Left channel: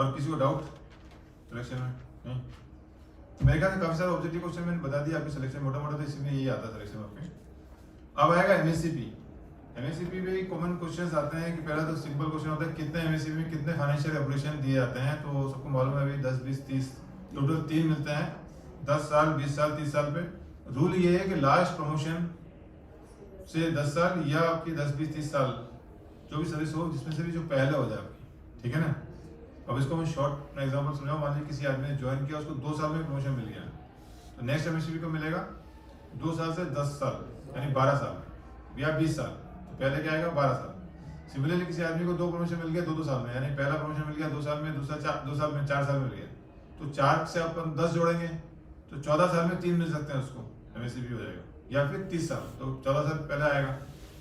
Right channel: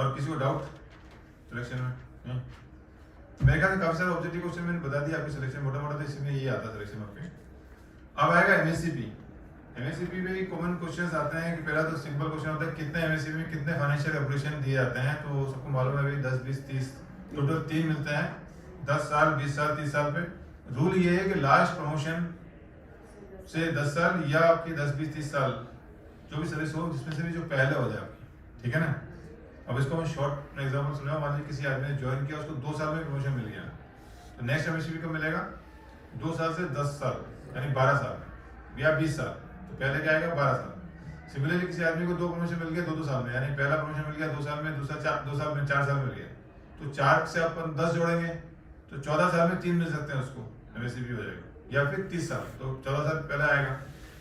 और किसी को डाउट सिलेक्शन में? नहीं, मेरे ख्याल से काफी सारे ऑब्जेक्टिव क्वेश्चन मैंने बता दिया आपके सिलेक्शन, मोटा मोटा तो इसमें यही आता है सिलेक्शन आपके। अब आएगा एमएससीपी। एमएससीपी में कॉमन क्वेश्चंस आते हैं कि पहला तो सिंपल क्वेश्चन होता है कितने एमएससीपी में कितने फाइनेंशियल एप्लीकेशन दिए जाते हैं, तो सबको मालूम है अभी 10 20 30 टोटल 3 मिलते हैं, 10 साल 20 साल 30 साल पे। रूल ये है कि लास्ट प्रमोशन से 10 साल या आपकी 10 20 30 साल जो भी सर्विस हो जिसमें से भी जो पहले हो जाए आपकी, ठीक है ना। अब इसको मैं शॉर्ट एग्जांपल सुनाऊं, मान लीजिए किसी आदमी ने ज्वाइन किया, उसको 2 साल में प्रमोशन मिल गया, तो नेक्स्ट एमएससीपी को मिलेगा 2 साल से 10 साल यानी 12 साल में या 20 साल, तो पहले क्या आएगा 12 साल। सिमिलरली किसी आदमी को 2 प्रमोशन मिल गया 2 साल में, यानी पहला प्रमोशन मिल गया 2 साल में, दूसरा 2 साल में 4 साल मिल गया, तो 4 से अपन 10 जोड़ेंगे तो 14 साल में 3 मिल सकते हैं उसको, एमएससीपी हो जाएगा, या फिर 30 साल तो 14 साल पहले आएगा।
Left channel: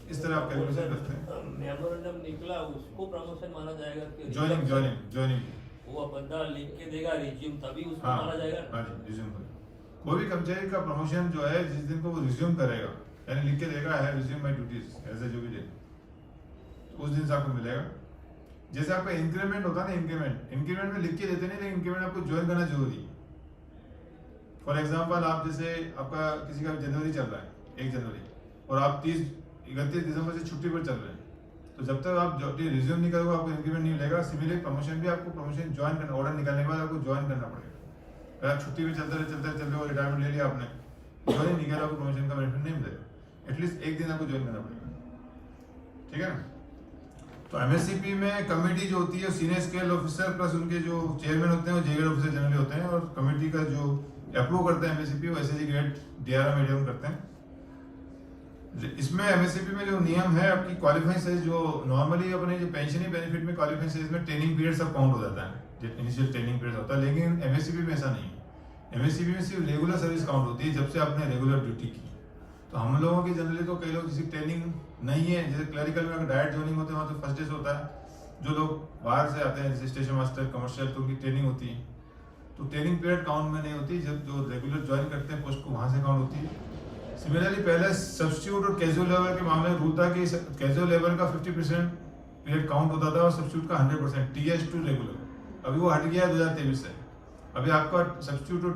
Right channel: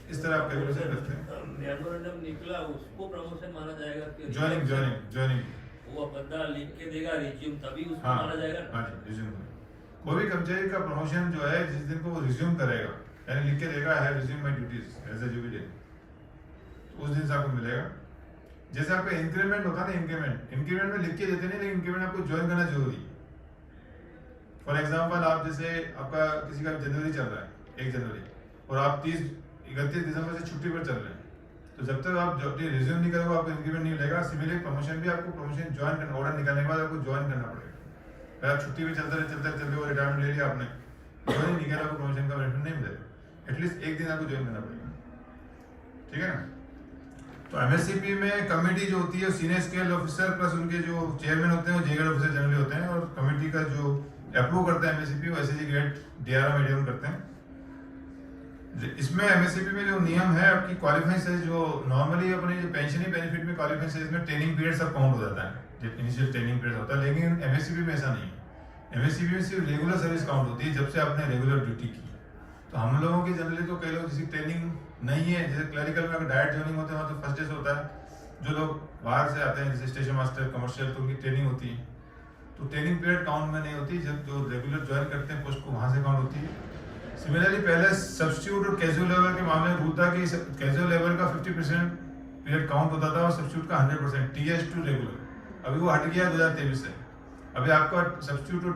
इस तरह आप कैलकुलेशन करते हैं। मेमोरेंडम निकला उसको प्रमोशन माना जाएगा कि ज्वाइनिंग वो बंदा लिख के देगा रिज्यूम तभी उसको हाँ, माना जाएगा। हाँ जी, रिज्यूम। कोई भी कर्मचारी का प्रमोशन जो है जिस दिन को वो रिज्यूम करेगा यानी लिख के देगा है resume my duties as a jubilee, उस दिन से आपको मिलेगा। जैसे आपका इंक्रीमेंट होता है ना, इंक्रीमेंट में लिख के देते नहीं, लेकिन इंक्रीमेंट आपको ज्वाइन करना जरूरी। फॉर एग्जांपल आप जैसे आपका किसी का जनवरी चल रहा है 1 जनवरी और आप 31 दिसंबर से छुट्टी पर चल रहे हैं, तो जब तक आप जब रिज्यूम नहीं करोगे आपको इंक्रीमेंट नहीं मिलेगा। सिमिलरली प्रमोशन भी आपको प्रमोशन ज्वाइन करना, ऑर्डर निकालने के बाद आपको ज्वाइन करना पड़ेगा। अगर आप छुट्टी पे चलते हो रिटायरमेंट ले लिया आपने, ज्वाइन नहीं किया आपको प्रमोशन का बेनिफिट नहीं मिलेगा, एटलीस्ट 1 दिन आपको ज्वाइन करना पड़ेगा, ठीक है ना। तो एमएससीपी में कमेटी जो होती है सीनियर स्केल ऑफिसर प्लस उनके जो चेयरमैन होते हैं वो जेग्रेड ऑफिसर जनरली होते हैं, और कमेटी का जो अप्रूव करते हैं एमएससीपी वो एसएसजी ग्रेड डीआरएम मीडियम करते हैं। इसमें एमएससीपी में जो नियम है आपकी क्वालिफाइंग स्टेज, जो नॉर्मली अपने जो पेंशनरी बेनिफिट में क्वालिफाइंग स्टेज में ट्रेनिंग पीरियड सब काउंट हो जाता है, जब इनिशियल ट्रेनिंग पीरियड होता है, लेकिन एमएससीपी में ऐसा नहीं है। एमएससीपी में सिर्फ रेगुलर सर्विस काउंट होती है जब से आपने रेगुलर ड्यूटी की। तो हम लोगों की जनरली तो कई लोग जिसकी ट्रेनिंग नहीं है, जैसे क्लरिकल में अगर डायरेक्ट ज्वाइनिंग होते हैं तो फर्स्ट डे से होता है, जो लोग बाहर से आते हैं जैसे स्टेशन मास्टर कमर्शियल तो उनकी ट्रेनिंग होती है, तो ट्रेनिंग पीरियड काउंट में नहीं होती, जब जो रेगुलर ज्वाइन करते हैं पोस्ट को वहां से काउंट होती है। सिमिलरली पहले सब्स्टिट्यूट और कैजुअल लेबर के मामले में रूल था कि कैजुअल लेबर का 50% पीरियड काउंट होता था और सब्स्टिट्यूट का 100% टीएस टू रेगुलर। अभी वो हट गया 2023 से, अभी आपका substitute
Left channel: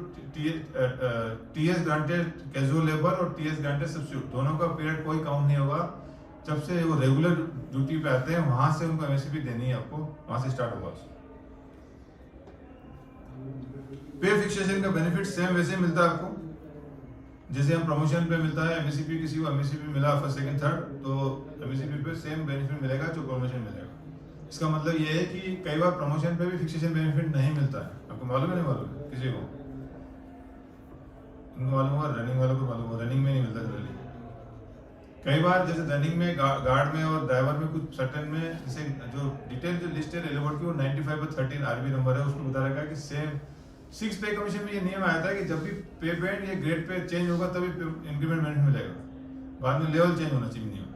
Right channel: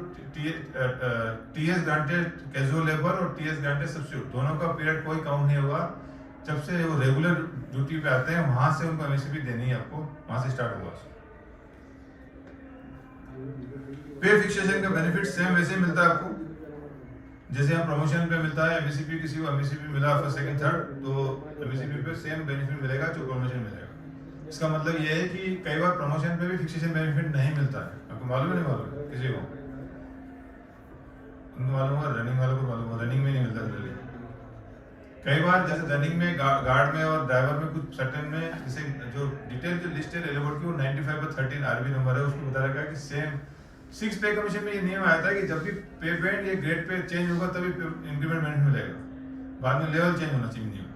TS granted casual labour और टीएस ग्रांटेड सब्स्टिट्यूट दोनों का पीरियड कोई काउंट नहीं होगा। जब से वो रेगुलर ड्यूटी पे आते हैं वहां से उनको एमएससीपी देनी है, आपको वहां से स्टार्ट होगा। पे फिक्सेशन का बेनिफिट सेम वैसे ही मिलता है आपको जैसे हम प्रमोशन पे मिलता है। एमएससीपी किसी को एमएससीपी मिला फर्स्ट सेकंड थर्ड, तो एमएससीपी पे सेम बेनिफिट मिलेगा जो प्रमोशन मिलेगा। इसका मतलब ये है कि कई बार प्रमोशन पे भी फिक्सेशन बेनिफिट नहीं मिलता है, आपको मालूम है नहीं मालूम है किसी को? इनको मालूम होगा, रनिंग वालों को मालूम होगा, रनिंग में नहीं मिलता जल्दी। कई बार जैसे रनिंग में गार्ड में और ड्राइवर में कुछ सर्टेन में जैसे जो डिटेल जो लिस्ट है रेलवे की वो 95/13 आरबी नंबर है, उसको बता रखा है कि सेम 6 पे कमीशन में ये नियम आया था कि जब भी पे बैंड या ग्रेड पे चेंज होगा तभी इंक्रीमेंट मिलेगा, बाद में लेवल चेंज होना चाहिए नियम।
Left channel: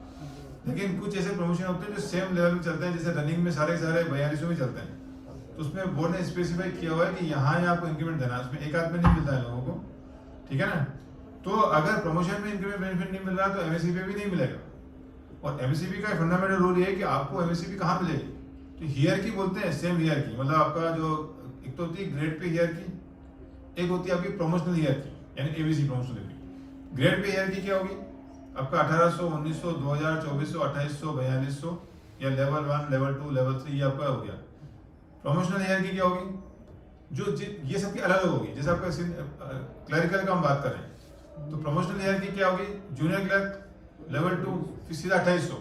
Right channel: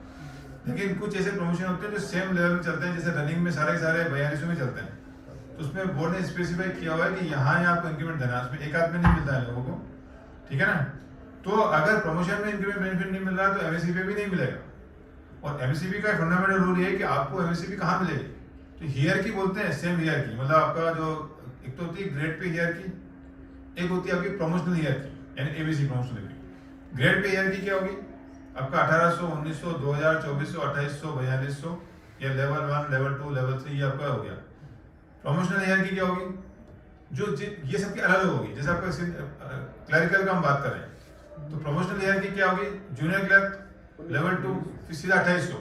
लेकिन कुछ ऐसे प्रमोशन होते हैं जो सेम लेवल में चलते हैं, जैसे रनिंग में सारे 42 में चलते हैं, तो उसमें बोर्ड ने स्पेसिफाई किया हुआ है कि यहाँ आपको इंक्रीमेंट देना है, उसमें एक आध में नहीं मिलता है लोगों को, ठीक है ना। तो अगर प्रमोशन में इंक्रीमेंट बेनिफिट नहीं मिल रहा तो एमएससीपी भी नहीं मिलेगा। और एमएससीपी का फंडामेंटल रूल ये है कि आपको एमएससीपी कहाँ मिलेगी, तो हियरकी बोलते हैं, सेम हियरकी, मतलब आपका जो एक तो होती है ग्रेड पे हियरकी, एक होती है आपकी प्रमोशनल हियरकी यानी एबीसी प्रमोशनल हियरकी। ग्रेड पे हियरकी क्या होगी आपका 1800, 1900, 2000, 2400, 2800, 4200 या लेवल 1, लेवल 2, लेवल 3 ये आपका हो गया। प्रमोशनल हियरकी क्या होगी, जो ये सबकी अलग अलग होगी। जैसे आपका क्लरिकल का हम बात करें तो प्रमोशनल हियरकी क्या होगी, जूनियर क्लर्क लेवल 2 फिर सीधा 2800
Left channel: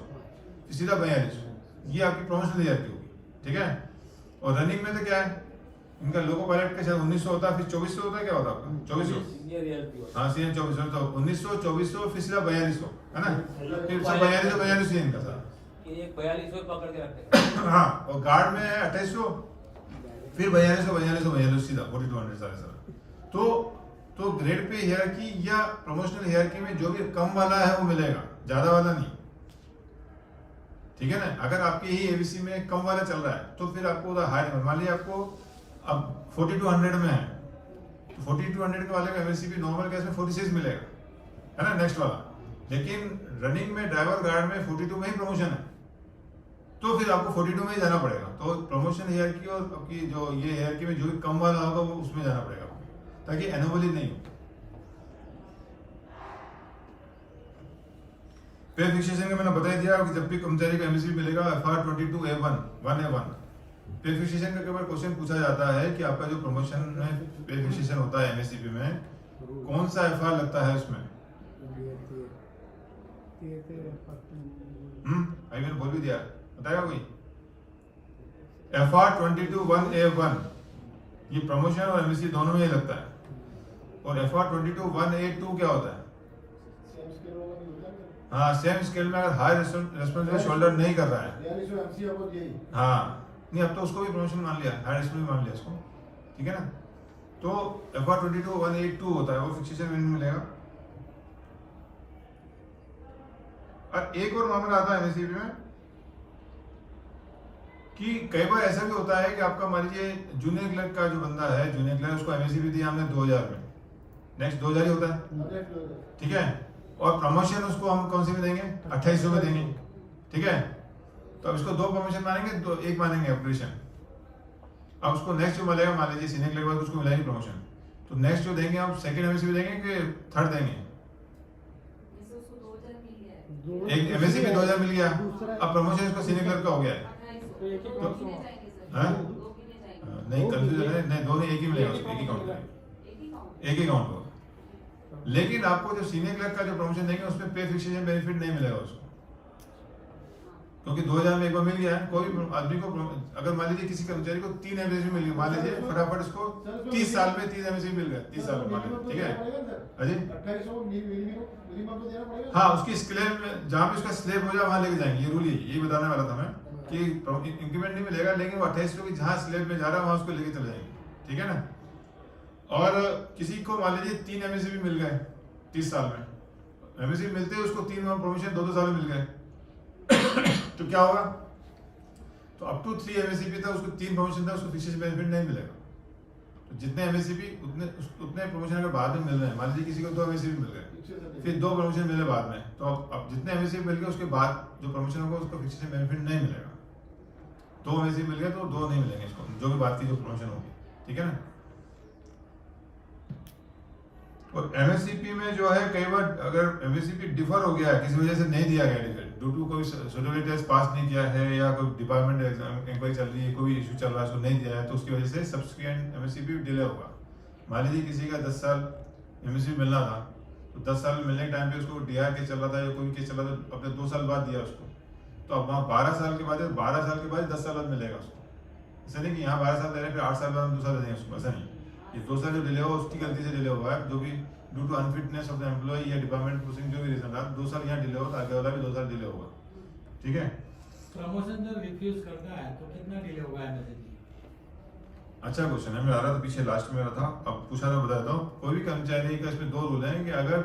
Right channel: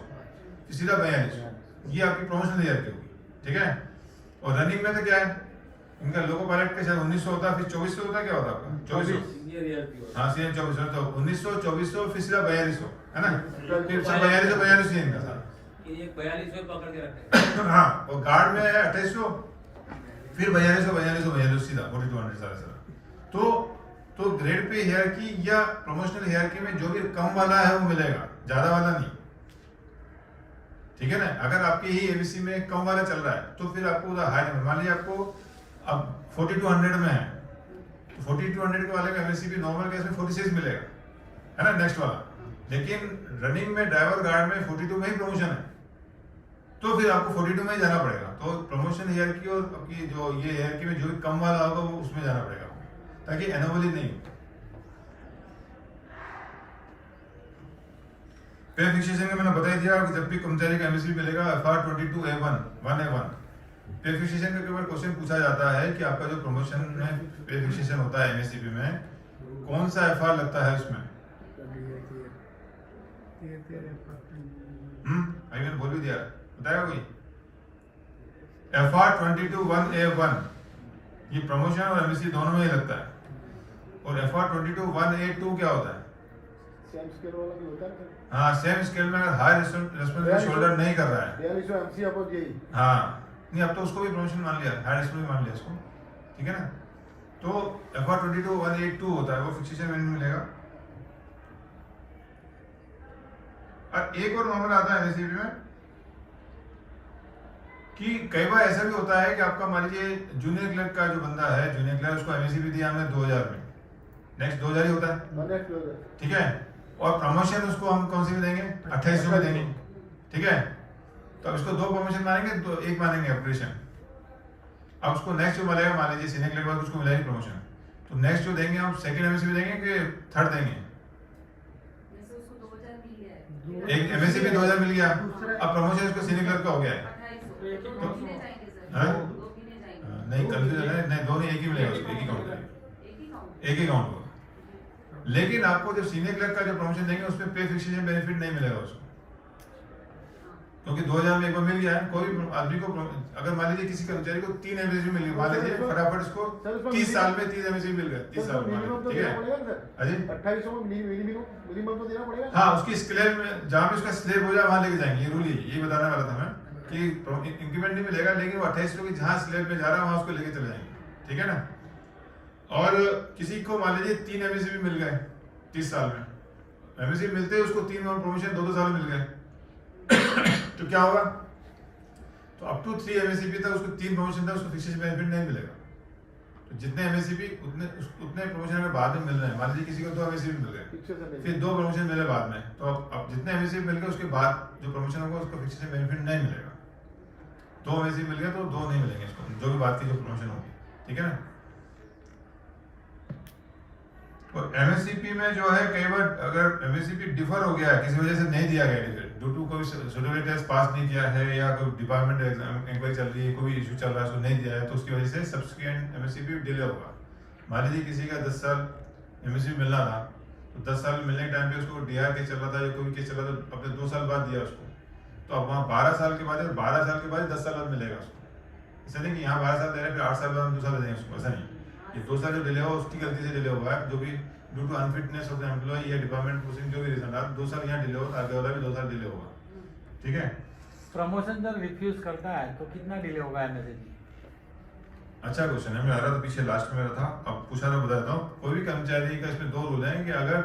फिर सीधा 4200, ये आपकी प्रमोशनल हियरकी होगी, ठीक है। और रनिंग में तो क्या है, इनका लोको पायलट के साथ 1900 होता है, फिर 2400 होता है, क्या होता है आपका 2400 सीनियर हियरकी होता है। हाँ सीनियर 2400, तो 1900, 2400 फिर सीधा 4200 है ना, फिर 4200 इनका सारा ये एक 4200 पकड़ के रखते हैं। हाँ, और गार्ड में है 2800 फिर 4200 सीधा 4200 सारा। तो ग्रेड पे हियरकी या प्रमोशनल हियरकी में जो भी कम वाला है वो मिलेगा, ज्यादा वाला नहीं, ठीक है ना। अगर आपके ही एबीसी में कम वाला चल रहा है तो फिर आपको हाई नंबर, मान लीजिए आपको अब 4200 में है तो 4200 के वाले का एमएससीपी नॉर्मल केस में 46 मिलेगा, है ना नेक्स्ट वाला। लेकिन रनिंग में ड्राइवर गार्ड में 42 में ही प्रमोशन है तो फिर आपको 42 में ही जाना पड़ेगा। तो तो प्रमोशन हायरार्की और आपकी जो ये हायरार्की में जो भी कम वाला होगा वो उसमें जाना पड़ेगा आपको, ताकि एनोमली नहीं हो। पे फिक्सेशन का मैंने बता ही दिया कि जब भी कर्मचारी का एमएसपी मिलेगा FR 22A1 1A1 पे फिक्सेशन का केवल क्वेश्चन पूछा जाता है कि आपका जो प्रमोशन में पे फिक्सेशन होता है एमएसपी में कौन सा FR लगता है उसमें। आई मैंने बोल भी दिया, बताया कोई। FR 22(1)A1 ये प्रमोशन और एमएससी दोनों में ही लगता है, और FR 22(1)A2 क्या होता है? सेम स्केल वाला नहीं होता है। हाँ, सेम स्केल में अगर हाई रेस्पॉन्सिबिलिटी शोल्डर नहीं कर रहा है, हाँ नहीं, अब तो उसको भी प्रमोशन मान लिया, हाई रेस्पॉन्सिबिलिटी मान लिया उसको, ठीक है ना। तो FR 22(1)A2 होता है, वो फिक्सेशन में मिलेगा। और एक और मामला आता है एमएससीबी में कि कई बार ऐसा भी होता है कि आपका मान लीजिए जूनियर क्लर्क का जो बंदा है, जूनियर क्लर्क, उसको एमएससीबी दिया हमने 2000 में, नेक्स्ट 2000 ही होता है, ठीक है। और प्रमोशन उसको हम कौन सी में देंगे? 2800 में देंगे, ठीक है। तो अब इसको दो प्रमोशन मानेंगे, तो एक मानेंगे अपग्रेडेशन। अब उसको नेक्स्ट जो मिलेगा, मान लीजिए सीनियर क्लर्क उसको मिलेगी प्रमोशन, तो नेक्स्ट जो देंगे हम सेकंड एमएससीबी देंगे कि थर्ड देंगे? एक एमएससीबी 2000 मिल गया, अब प्रमोशन उसको सीनियर क्लर्क का हो गया है, नहीं कंफ्यूजन है, नहीं दोनों एक ही मिलेगा उसको, एक ही काउंट करेगा, एक ही काउंट होगा। लेकिन आपको जो सीनियर क्लर्क का जो प्रमोशन देंगे उसमें पे फिक्सेशन बेनिफिट नहीं मिलेगा उसको, क्योंकि 2000 में एक बार मिल गया है। कोई आदमी को अगर मान लीजिए किसी कर्मचारी को 3 एमएससी मिल गई, मान लीजिए फटाफट उसको 30 साल में 3 एमएससी मिल गए, 30 साल में, ठीक है। अजी 2800 मिनिमम तो देना पड़ेगा। हाँ, उसकी स्लैब में जहाँ पे उसका स्लैब हो जाए वहां लेके जाएंगे, ये रूल ये बताने वाला था मैं कि इंक्रीमेंट नहीं मिलेगा, लेकिन वो 2800 की जहाँ स्लैब में जा रहा है वहां उसको लेके चले जाएंगे, ठीक है ना। और किसी को मान लीजिए 3 एमएससी मिल गए 30 साल में, एमएससी मिलते ही उसको 3 और प्रमोशन 2-2 साल में मिल गए, तो क्या होगा? तो अप टू 3 एमएससीपी तक उसको 3 प्रमोशन था, उसको फिक्सेशन बेनिफिट नहीं मिलेगा। तो जितने एमएससीपी उतने प्रमोशन के बाद में मिल रहे हैं, मान लीजिए किसी को 2 एमएससीपी मिल गए, फिर 2 प्रमोशन मिले बाद में, तो अब जितने एमएससीपी मिल गए उसके बाद जो प्रमोशन होगा उसको फिक्सेशन बेनिफिट नहीं मिलेगा। 2 एमएससीपी मिल गए तो 2 नहीं मिलेंगे इसको, जो भी बात की जो प्रमोशन होगी, ठीक है ना। और एमएससीपी में जो है कई बार अगर एमएससीपी डिफर हो गया है, किसी वजह से नहीं दिया गया, ड्यू टू कोई सर्टिफिकेट टेस्ट पास नहीं किया है या कोई डिपार्टमेंट एग्जाम इंक्वायरी चल रही है, कोई इशू चल रहा है, उसको नहीं दिया है, तो उसकी वजह से सब्सिक्वेंट एमएससीपी डिले होगा। मान लीजिए किसी का 10 साल एमएससीपी मिलना था, तो 10 साल मिलने के टाइम पे उसको डीआर केस चल रहा था या कोई केस चल रहा था, अपने 2 साल बाद दिया उसको, तो अब वहाँ 12 साल के बाद 12 साल के बाद 10 साल बाद मिलेगा उसको। ऐसा नहीं कि यहाँ 12 साल दे रहे हैं फिर 8 साल बाद 2 साल देंगे उसको, ऐसा नहीं। ये 2 साल जो डिले हुआ उसकी गलती से डिले हुआ है, जो भी due to unfitness of the employ या डिपार्टमेंट पोस्टिंग जो भी रीजन रहा, 2 साल यहाँ डिले हो, आगे वाला भी 2 साल डिले होगा, ठीक है। प्रमोशन जब रिफ्यूज करता है तो कितना डिले होगा एमएससी? अच्छा क्वेश्चन है, मैं आ रहा था पीछे लास्ट में था, अब पूछा था बता देता हूँ। कोई भी कर्मचारी का इसमें 2 रूल हैं कि अगर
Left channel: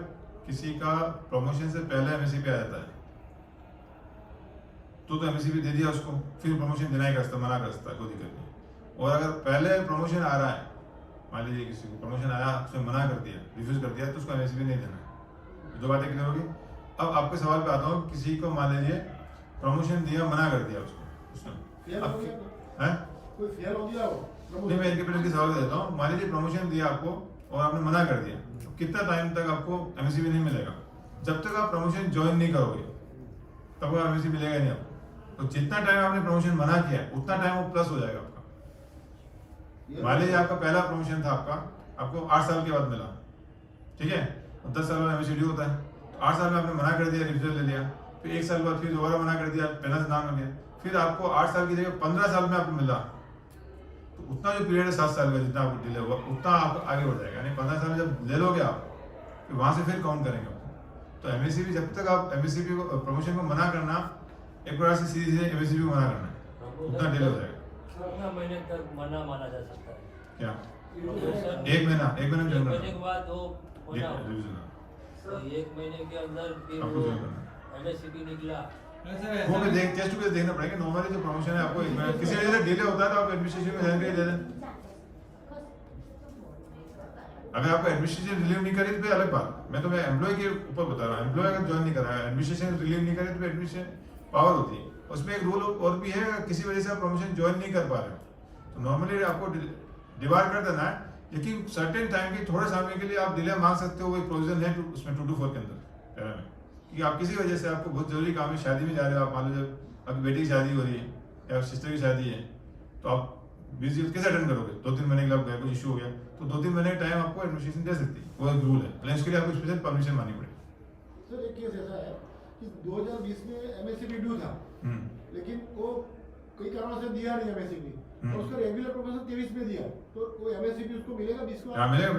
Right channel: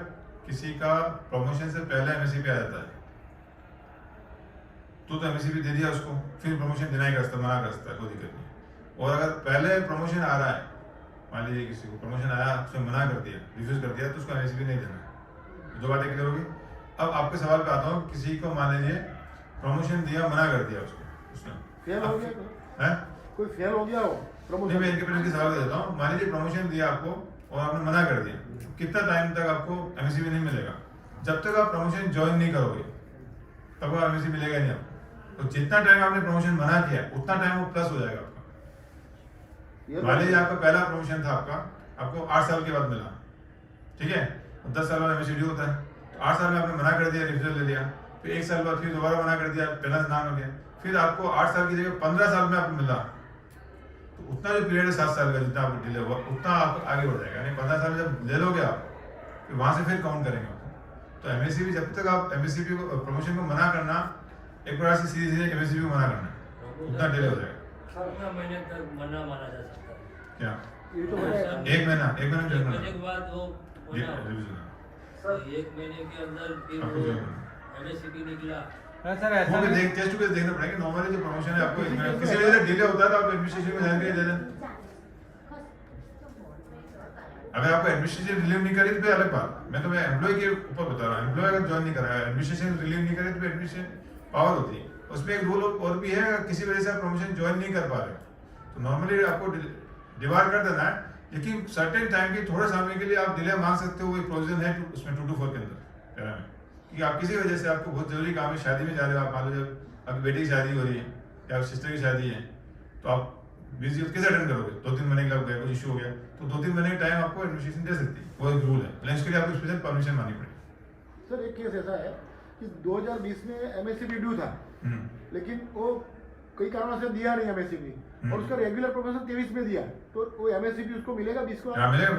किसी का प्रमोशन से पहले एमएससी पे आ जाता है तो एमएससी दे दिया उसको, फिर प्रमोशन देना ही कर सकता, मना कर सकता है, कोई दिक्कत नहीं। और अगर पहले प्रमोशन आ रहा है, मान लीजिए किसी को प्रमोशन आया, उसने मना कर दिया, रिफ्यूज कर दिया, तो उसको एमएससी नहीं देना। 2 बातें क्लियर होगी। अब आपके सवाल पे आता हूँ, किसी को मान लीजिए प्रमोशन दिया, मना कर दिया उसको, उसने फेल हो गया, है कोई फेल हो गया हो नहीं, मैं इनके पहले सवाल देता हूँ। मान लीजिए प्रमोशन दिया आपको और आपने मना कर दिया, तो कितना टाइम तक आपको एमएससी नहीं मिलेगा? जब तक आप प्रमोशन ज्वाइन नहीं करोगे तब आपको एमएससी मिलेगा नहीं आपको। तो जितना टाइम आपने प्रमोशन मना किया उतना टाइम वो प्लस हो जाएगा आपका। मान लीजिए आपका पहला प्रमोशन था, आपको 8 साल के बाद मिला, ठीक है, 10 साल बाद एमएससी होता है, तो 8 साल में आपने मना कर दिया, रिफ्यूजल ले लिया, फिर 1 साल बाद फिर दोबारा मना कर दिया, पहला नाम हो गया, फिर आपको 8 साल की जगह 15 साल में आपको मिला, तो उतना जो पीरियड है 7 साल का जितना आपको डिले हुआ उतना आप आगे बढ़ जाएगा। यानी 15 साल में जब ले लोगे आप, फिर वहां से फिर काउंट करेंगे आपको। तो एमएससीबी जब तक आप एमएससीबी को प्रमोशन को मना करना, एक बार से सीधे एमएससीबी को मना करना, उतना डिले हो जाएगा। कितना महीने तक मना माना जा सकता है? क्या ये तो 1 महीना? 1 महीना एक महीने के बाद वो मना हो, रिवीजन तो 1 महीने के अंदर फिर आपको वो जो करना एमएससीपी निकला, सर वो ऐसा भी नहीं- देख टेस्ट टू देखना पड़ेगा। नॉर्मली जो प्रमोशन है आपको किसी वजह से डिले होता है तो आप एडमिनिस्ट्रेशन में जाके दे दें। अगर आपको एडमिनिस्ट्रेशन रिलीव नहीं करी तो फिर अलग बात, मैं तो मैं एम्प्लॉय के ऊपर बता रहा हूँ। एम्प्लॉय अगर ज्वाइन नहीं करा है, एडमिनिस्ट्रेशन रिलीव नहीं करी तो एडमिनिस्ट्रेशन पावर होती है, उसमें एक रूल और भी है, किसी वजह से आप प्रमोशन ज्वाइन नहीं कर पा रहे हो तो नॉर्मली आपको डिबार कर देना है, लेकिन सर्टेन टाइम के थोड़े समय के लिए आप डिले मांग सकते हो। वही प्रोविजन है उसमें 224 के अंदर पैरा में, कि आप किसी वजह से आपको बहुत जरूरी काम है, शादी में जा रहे हो, आप मान लो जब आपकी बेटी की शादी हो रही है या सिस्टर की शादी है तो आप बिजी कैसे अटेंड करोगे, 2-3 महीने के लिए गया, कुछ इशू हो गया तो 2-3 महीने का टाइम आपको एडमिनिस्ट्रेशन दे सकती है, वो एक रूल है, लेकिन उसके लिए आपको स्पेशल परमिशन मांगनी पड़ेगी। सर एक केस ऐसा है कि 2020 में एमएससीपी ड्यू था, लेकिन वो कई कारणों से दिया नहीं एमएससीपी, और उसका रेगुलर प्रोफेशन 23 में दिया, तो वो एमएससीपी उसको मिलेगा 20 को? हाँ मिलेगा।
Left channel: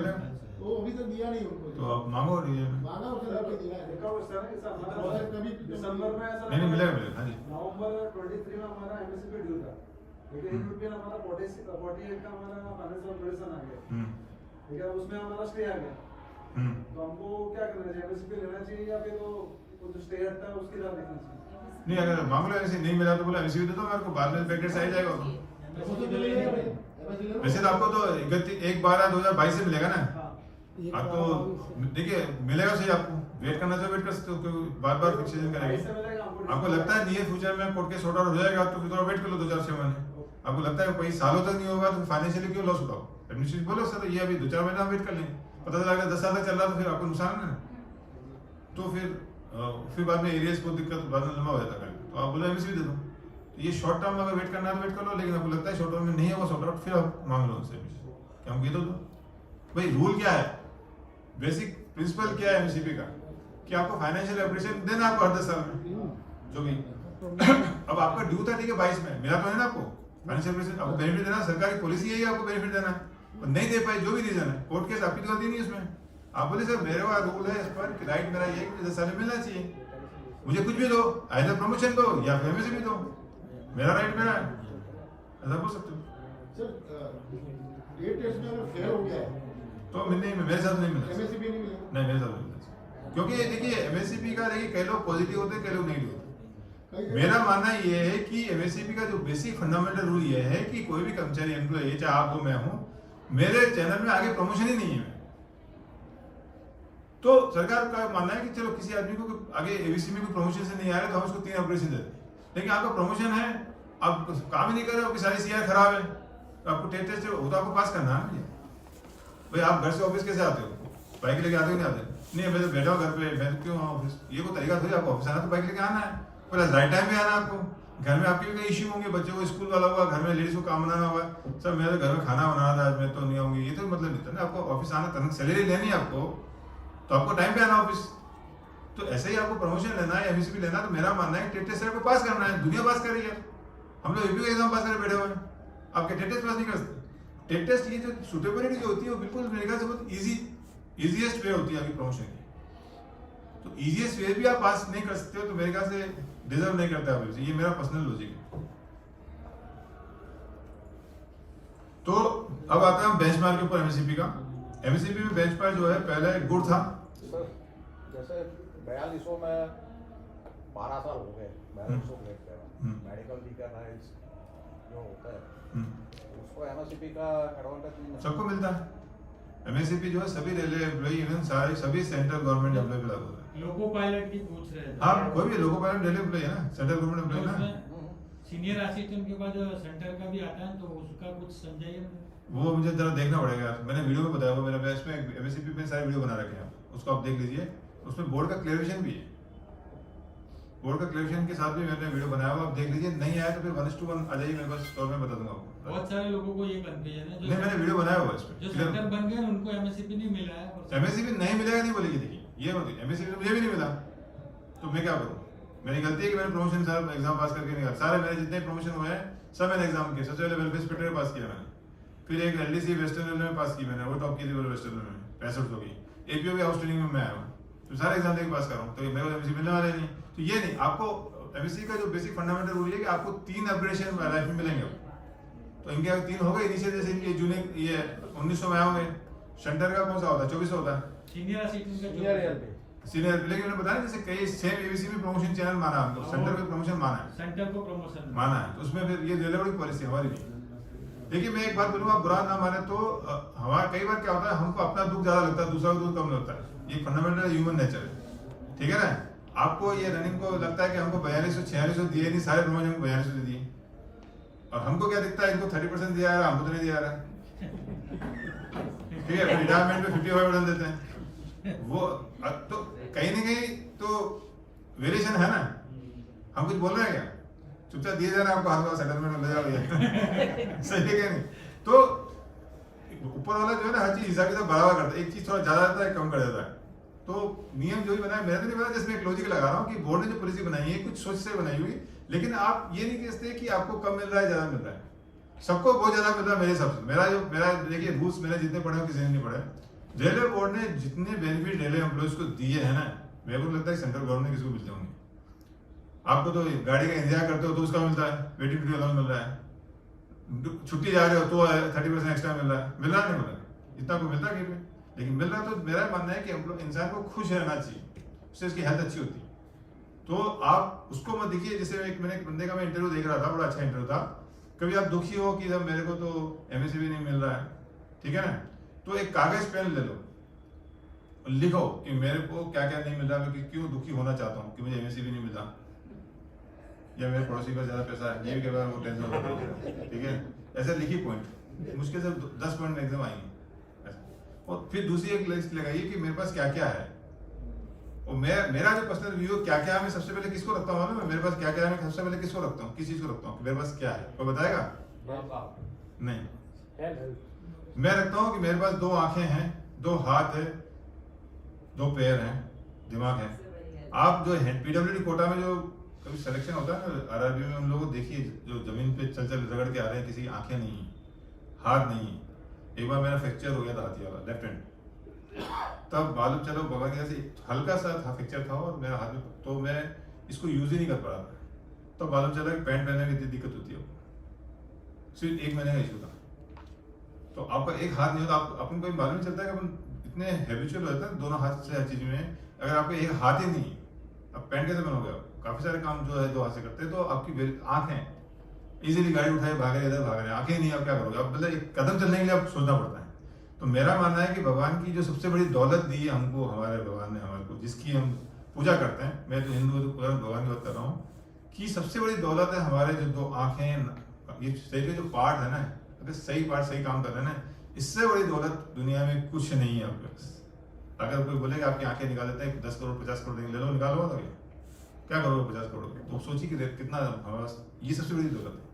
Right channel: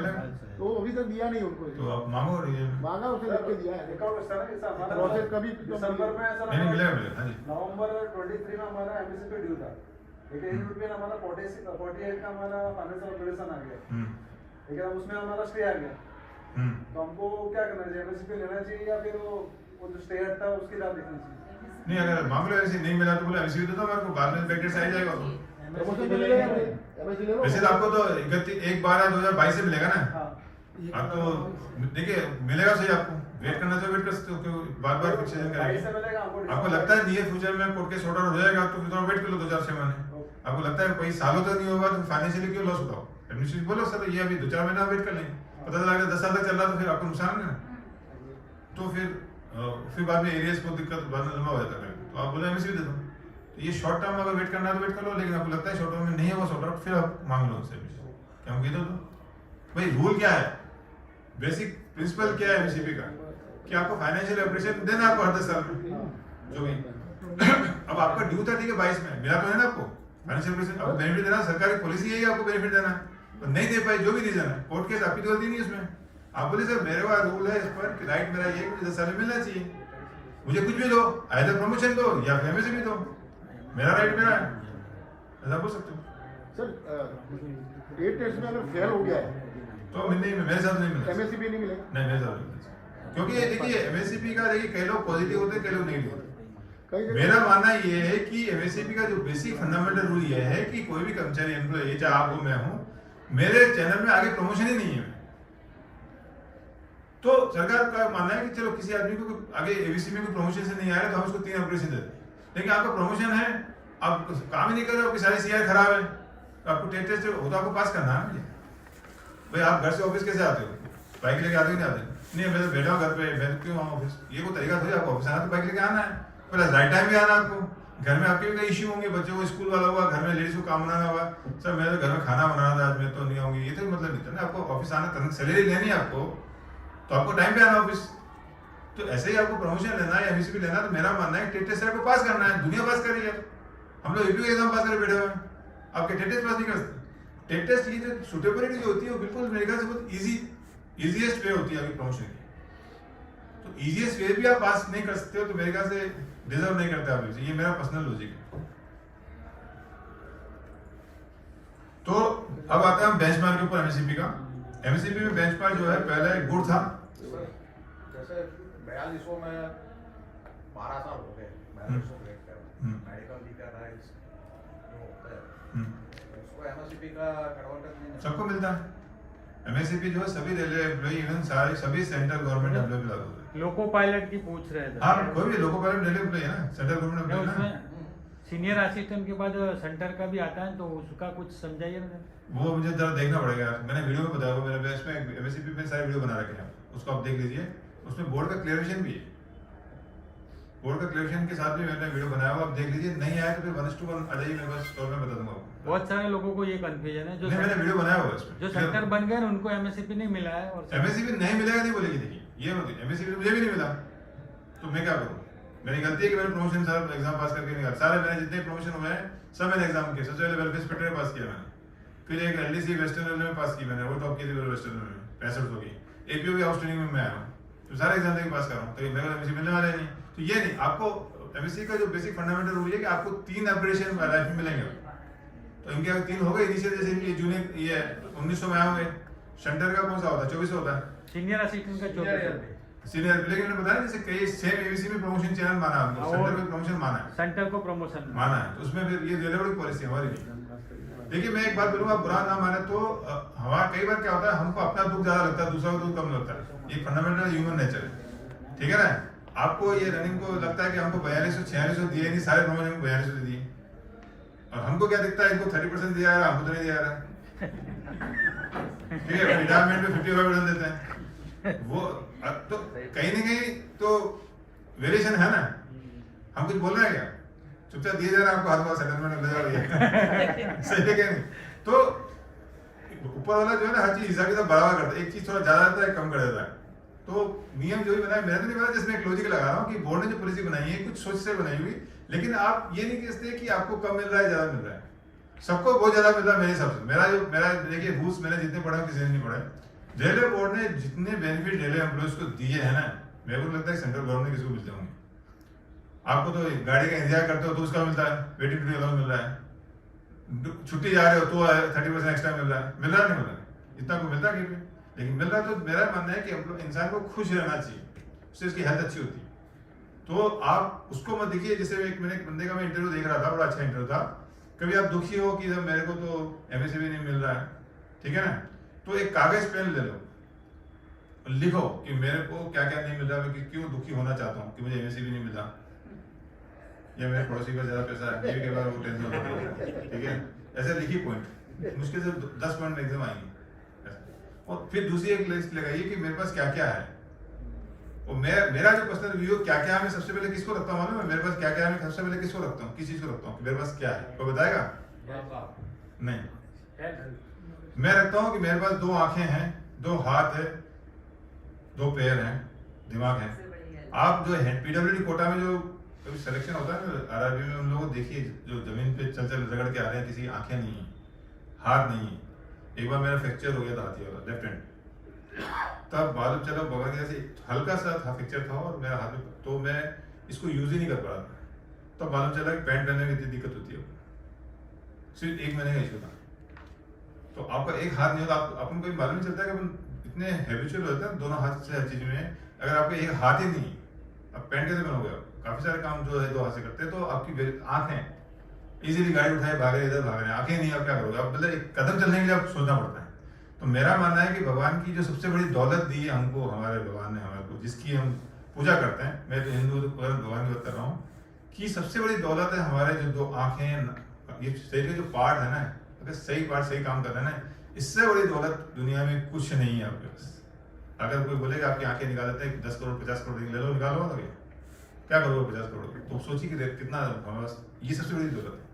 तो वो अभी तक दिया नहीं उनको, तो आप मांगो मांगा उसने लेके दिया है, प्रोसेस कभी दिसंबर में ऐसा नहीं मिलेगा हाँ जी। नवंबर 23 में हमारा एमएससीपी ड्यू था, लेकिन यूपीएन हमारा 48 का हमारा फाइनेंशियल ऑपरेशन आ गया, ठीक है, उसमें हमारा स्टे आ गया। तो हमको क्या करना चाहिए, एमएससीपी लेना चाहिए या फिर वो जो स्टे हटता है उसकी राह देखनी चाहिए? नहीं, अगर मामला ऐसे नहीं मिला तो बोले एमएससीपी दे दो, मेरे को बाद में बैकडेट आ जाएगा तो वैसे तो आपको तो 1/12/2022 से मिलेगा ना आपको, देखिए मिलेगा सही, आपको वेट करना चाहिए, वेट कर सकते हो, बार-बार फिक्सेशन करेंगे। आपको लगता है नियर फ्यूचर में कोर्ट केस सॉर्ट आउट हो जाएगा तो फिर थोड़ा वेट कर लो 2-4 महीने। आपको लगता है कोई सालों तक नहीं होगा तो फाइनेंशियली क्यों लॉस उठाओ, एडमिनिस्ट्रेशन बोलो सर ये अभी 2-4 महीना वेट कर लेंगे, पता चला 10 साल तक चल रहा तो फिर आपको नुकसान है ना, तो फिर बाद में एरियाज को दिक्कत बाद में लंबा हो जाता है, तो आप बोलो एमएससीपी दे दो। तो ये शॉर्ट टर्म में अगर वेट करना है तो वेट कर लो, लेकिन आपको लगता है शॉर्ट टर्म में नहीं है वो सॉर्ट आउट, फिर आप मांग लो उनसे क्या हम ये दो। भाई रूल क्या है, बेसिक प्रिंसिपल क्या है एमएससीपी का, कि आपको फाइनेंशियल ऑपरेशन देना है आपको हर 10 साल में जो भी। अब आपका ड्यू था ठीक है 22 में, मिला तो है ना आपको फाइनेंशियल ऑपरेशन, आपको बेनिफिट देना, सरकारी पॉलिसी है आपको बेनिफिट देना, और नहीं दे पाए जो भी रीजन है, कोर्ट केस आपकी गलती नहीं है इसमें। आप बोले सर मेरे पास रूल है इस पर कि राइट मेरा ये है कि 10 साल में मिलना चाहिए, मुझे कुछ भी दो, आइदर प्रमोशन दो या फिर एमएससीपी दो, मेरा राइट मेरा है, ऐसा बोल सकते हो। सर डेट टेस्ट में अगर फेल हो गया है तो नहीं, मेरे साथ नहीं मिला, एमएससीपी नहीं मिलेगा? नहीं मेरे साथ नहीं मिला, क्योंकि ये देखिए एमएससीपी का देखिए कई लोग पॉजिटिव होते हैं, कई लोग नेगेटिव होते हैं। मेरा मानना ये है कि एमएससीपी का जो बेसिक फंडामेंटल रूल ये है कि कोई भी कर्मचारी एम्प्लॉय चाहे आप हो मैं हूं, मेरे चैनल में आगे प्रमोशन ही नहीं है, तो सरकार का मानना है कि चलो किसी आदमी को आगे एबीसी में कोई प्रमोशन से नहीं आ रहा तो हम उसको 3 अपग्रेडेशन देते हैं, लेकिन आपका प्रमोशन है आप काम ही नहीं कर रहे हो, आपकी सारी सीआर खराब है, आपको टेस्ट हो तो आपको पास करना है। भाई आप घर से ऑफिस कैसे आते हो, बाइक लेके आते हो नहीं आते? नहीं मैं तो बैठा हूँ घर पे, मैं क्यों आऊँ ऑफिस, ये कोई तरीका थोड़ी, आपको ऑफिस आना तो बाइक लेके आना है, प्लस राइट टाइम भी आना आपको। घर में आपके भी कई इश्यू होंगे, बच्चों को स्कूल वाला होगा, घर में लेडीज को काम बनाना होगा, सर मैंने तो घर में खाना बनाना था आज मैं तो नहीं आऊंगी, ये तो मतलब नहीं था ना, आपको ऑफिस आना करना, सैलरी लेनी है आपको तो आपको टाइम पे आना ऑफिस, तो ऐसे ही आपको प्रमोशन लेना है एमएससीपी लेना, तो मेरा मानना है टेट टेस्ट को पास करना है, दुनिया पास कर रही है, हम लोग यूपी एग्जाम पास करके बैठे हुए हैं, आपके टेट टेस्ट पास नहीं कर सकते। टेट टेस्ट की जो सुटेबिलिटी जो होती है वो बिल्कुल मेरे ख्याल से बहुत इजीएस्ट वे होती है आपकी प्रमोशन की, तो इजीएस्ट वे भी आप पास नहीं कर सकते हो तो मेरे ख्याल से डिजर्व नहीं करते आप, ये मेरा पर्सनल लॉजिक है। तो अब आता है बेंचमार्क के ऊपर एमएससीपी का। एमएससीपी में बेंचमार्क जो है पहला एक गुड था, जैसे 4200 में 12 साल हो गए, 4200 मेडिकल भी का राइट्स जो होता है उसको एमएससीपी का एडवांटेज नहीं सबको मिलता है। एमएससीपी जो है सभी रेलवे एम्प्लॉय इवन सारे सभी सेंट्रल गवर्नमेंट एम्प्लॉय पे लागू होता है। लोको पायलट की पूछ रहे थे, हाँ कोई भी लोको पायलट रेलवे एम्प्लॉय है ना, सेंट्रल गवर्नमेंट एम्प्लॉय है ना, सीनियर असिस्टेंट के बाद सेंटर का भी आता है तो उसका कुछ समझाइए ना। वो मुझे जरा देखना पड़ेगा, मैंने वीडियो में बताया, वो मेरे बैच में एमएससीपी पे सारे वीडियो बना रखे हैं, उसको आप देख लीजिए, उसमें बोर्ड का क्लेरिफिकेशन भी है, बोर्ड का क्लेरिफिकेशन के साथ भी मैंने वीडियो बनाया हुआ, आप देख लीजिए, नहीं आया तो फिर 1:1 आ जाइए मेरे पास, स्टोर में बता दूंगा आपको। बहुत सारे लोगों को ये कंफ्यूजन है, जो नहीं मैंने वीडियो बनाया हुआ है इसमें, जो सेंटर बन गए उनको एमएससीपी नहीं मिला है, और एमएससीपी नहीं मिलेगा नहीं बोलेगी, देखिए ये मत, एमएससीपी मुझे भी नहीं मिला तो मैं क्या करूं, मेरी गलती है कि मैंने प्रमोशन सारा एग्जाम पास करके नहीं, सारे मैंने जितने प्रमोशन हुए हैं सब मैंने एग्जाम किए, सबसे पहले वेलफेयर इंस्पेक्टर में पास किया मैंने, फिर एक एलडीसी वेस्टर्न रेलवे में पास की मैंने, वो टॉप की थी वेस्टर्न रेलवे में 65 की, एपीओ की हाउस ट्रेनिंग में मैं आया हूं, तो सारे एग्जाम देके पास कर रहा हूं, तो मेरे को एमएससी मिलने वाले नहीं। तो ये नहीं, आपको एमएससी का जो बेसिक फंडामेंटल रूल है कि आपको 3 अपग्रेडेशन लाइफ में मिलेंगे, तो इनके अगर 3 हो गए इनिशियल, जैसे इनके जूनियर ये 1900 में आए होंगे, सेंटर का कौन सा होता है 2400 होता है, सीनियर असिस्टेंट का जो सीनियर, लेकिन मैंने बताया जैसे कई सेम एबीसी में प्रमोशन चैनल माना हमने, सेंटर में प्रमोशन माना है, सेंटर को प्रमोशन माना है, तो उसमें फिर ये रेलवे पॉलिसी हमारी भी। देखिए मैं एक बात बोलूंगा, बुरा ना माने तो हमारा कई बार क्या होता है, हमको अपना दुख ज्यादा लगता है, दूसरा का दुख कम लगता है, ये फंडामेंटल ह्यूमन नेचर है, ठीक है ना। आपको ये रनिंग को लगता है कि हमको 4200-4600 दिए नहीं, सारे प्रमोशन को 4200 दे दिए, और हमको क्या दिखता है, इनको 30% दिया है, हमको तो नहीं दिया रहा, ठीक है। रिटायरमेंट में 55 देते हैं वो। तो कहीं ना कहीं तो वेरिएशन है ना, हम कुछ बोल रहे हैं क्या, चुपचाप दिए जा रहे हैं आपको, हर बार सेटलमेंट ले जा रही है सही है क्या नहीं। तो ऊपर वाला जो है ना हर चीज हिसाब किताब बराबर करता है, एक चीज थोड़ा ज्यादा देता है, कम कर देता है। तो नियम जो भी बनाया, मेरा तो नहीं पता, जिसमें एक लॉजिक लगा रहा हूँ कि बोर्ड ने जो पॉलिसी बनाई है कुछ सोच से बनाई हुई, लेकिन आप ये नहीं कहते कि आपको कम मिल रहा है ज्यादा मिल रहा है, सबको बहुत ज्यादा मिल रहा है मेरे हिसाब से। मेरा देखिए रूल्स मैंने जितने पढ़े किसी ने नहीं पढ़े। रेलवे बोर्ड ने जितने बेनिफिट रेलवे एम्प्लॉयज को दिए हैं ना, मेरे को लगता है सेंट्रल गवर्नमेंट किसी को मिलते होंगे। आपको तो गाड़ी का इंतजार करते हो तो उसका मिलता है, वेटिंग पीरियड अलाउंस मिल रहा है, छुट्टी जा रहे हो तो 30% एक्स्ट्रा मिल रहा है, मिल रहा नहीं मिल रहा, इतना को मिलता है लेकिन मिल रहा है। तो मेरा मानना है कि इंसान को खुश रहना चाहिए, उससे उसकी हेल्थ अच्छी होती है। तो आप उसको मत देखिए, जैसे मैंने एक बंदे का मैं इंटरव्यू देख रहा था, बड़ा अच्छा इंटरव्यू था, कभी आप दुखी हो कि मेरे को तो एमएससी भी नहीं मिल रहा है, ठीक है ना, तो एक कागज पेन ले लो, लिखो कि मेरे को क्या क्या नहीं मिल रहा, मैं क्यों दुखी होना चाहता हूँ कि मुझे एमएससी भी नहीं मिला, या मेरे पड़ोसी का ज्यादा पैसा है, ये के बारे में वो टेंशन होता है, ठीक है। ऐसे लिखिए पॉइंट, मुश्किल से 10 पॉइंट एग्जाम आएंगे। और फिर दूसरी एक लिस्ट लगाइए कि मेरे पास क्या क्या है, और मेरा जो पर्सनल व्यू क्या क्या है, मैं सबसे पहले किसको रखता हूँ मालूम है, मेरे पास क्या क्या है, मैं सबसे पहले किसको रखता हूँ, किस चीज को रखता हूँ, मेरे पास क्या है, कोई बताएगा? नहीं, मैं रखता हूँ कि मेरे पास 2 आंखें हैं, 2 हाथ है, 2 पैर हैं, दिमाग है। आप जो है पीडब्ल्यूडी कोटा में जो कभी सिलेक्शन होता है ना आरआरबी में, उन लोगों को देखिए जो जमीन पे चल रगड़ के आ रहे हैं, किसी आंखें नहीं है, हाथ नहीं है। एक बार मेरा फ्रैक्चर हो गया था हाथी वाला, लेफ्ट हैंड, तब मालूम चलो भगवान से हल्का सा था फ्रैक्चर था, और मेरा हाथ में, तो मैं इसको यूज ही नहीं कर पा रहा था। तब मालूम चला कि पैंट पहनने में इतनी दिक्कत होती है, सिर्फ 1 महीने का इशू था। तो आपका एक हाथ नहीं होता, अपन को मालूम नहीं चलता कि अपन इतने हैबिचुअल होता है दोनों हाथ से हर चीज में। अगर आपका एक हाथ ही नहीं, अब पैंट कैसे बनोगे? काफी सारे काम जो है 2 हाथ से करते हैं, तो आपकी आंखें इजीली गाड़ी उठाए भाग रहे, इधर भाग रहे, आंखें नहीं, आप क्या करोगे? आप मतलब एक कदम चलने के लिए आप सोचना पड़ता है। तो मेरा मानना है कि भगवान की जो सबसे बड़ी दौलत दी है हमको, हमारे भगवान ने हमारे को, जिसकी हम पूजा करते हैं, मैं तो हिंदू तो पूरा भगवान की बात कर रहा हूँ, कि सबसे बड़ी दौलत है हमारे जो 2 आंखें, ये शरीर के जो पार्ट है ना, अगर सही पार्ट सही काम कर रहे हैं ना, इससे बड़ी दौलत दुनिया में कुछ नहीं है आपके पास। अगर कोई बोलेगा आपकी आंखें निकाल देते हैं 10 करोड़ 50 करोड़ ले लो, निकालो, क्या करोगे 50 करोड़? तो सोचिए कि कितना हमारे पास, ये सबसे बड़ी दौलत है।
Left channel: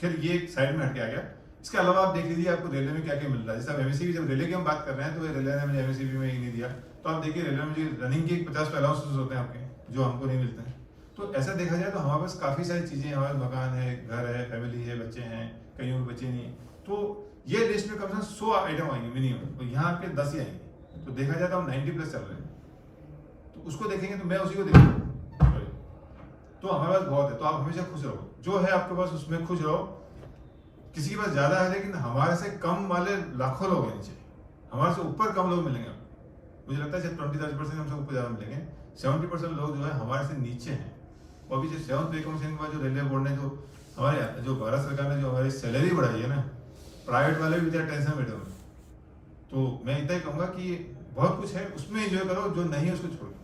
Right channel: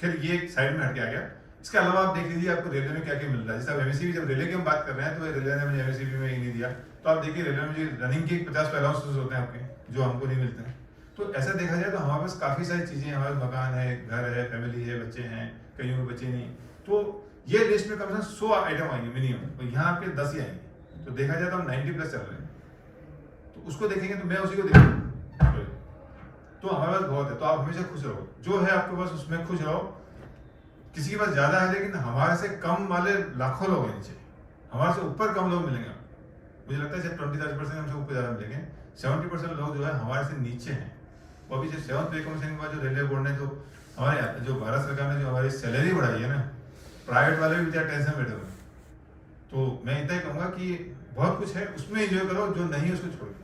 फिर ये एक साइड में हट के आ गया। इसके अलावा आप देख लीजिए आपको रेलवे में क्या क्या मिल रहा है। जैसे आप एमएससी जब रेलवे की हम बात कर रहे हैं, तो रेलवे ने मुझे एमएससी में ही नहीं दिया, तो आप देखिए रेलवे में जो रनिंग के 50 अलाउंसेस होते हैं आपके, जो हमको नहीं मिलते हैं। तो ऐसा देखा जाए तो हमारे पास काफी सारी चीजें, हमारे मकान है, घर है, फैमिली है, बच्चे हैं, कईयों के बच्चे नहीं। तो ये लिस्ट में कम से कम 100 आइटम आएंगे मिनिमम, तो यहाँ आपके 10 ही आएंगे। तो देखा जाए तो हम 90+ चल रहे हैं, तो उसको देखेंगे तो मैं उसी को देखूंगा, तो हमारे पास बहुत है। तो आप हमेशा खुश रहो, जो है आपके पास उसमें खुश रहो। किसी के पास ज्यादा है, लेकिन हमारे से कम वाले लाखों लोग हैं नीचे, हमारे से ऊपर कम लोग मिलेंगे। मुझे लगता है 20-30% हमसे ऊपर ज्यादा मिलेंगे, 70% लोग जो है हमारे से नीचे हैं। और अभी जो 7th पे कमीशन के बाद जो रेलवे बोर्ड ने जो हमारे जो भारत सरकार ने जो हमारी सैलरी बढ़ाई है ना, प्राइवेट वाले भी बेचारे टेंशन में बैठे हुए। तो मैं इतना ही कहूंगा कि बहुत कुछ है, उसमें एंजॉय करो, जो नहीं है उसको छोड़ो,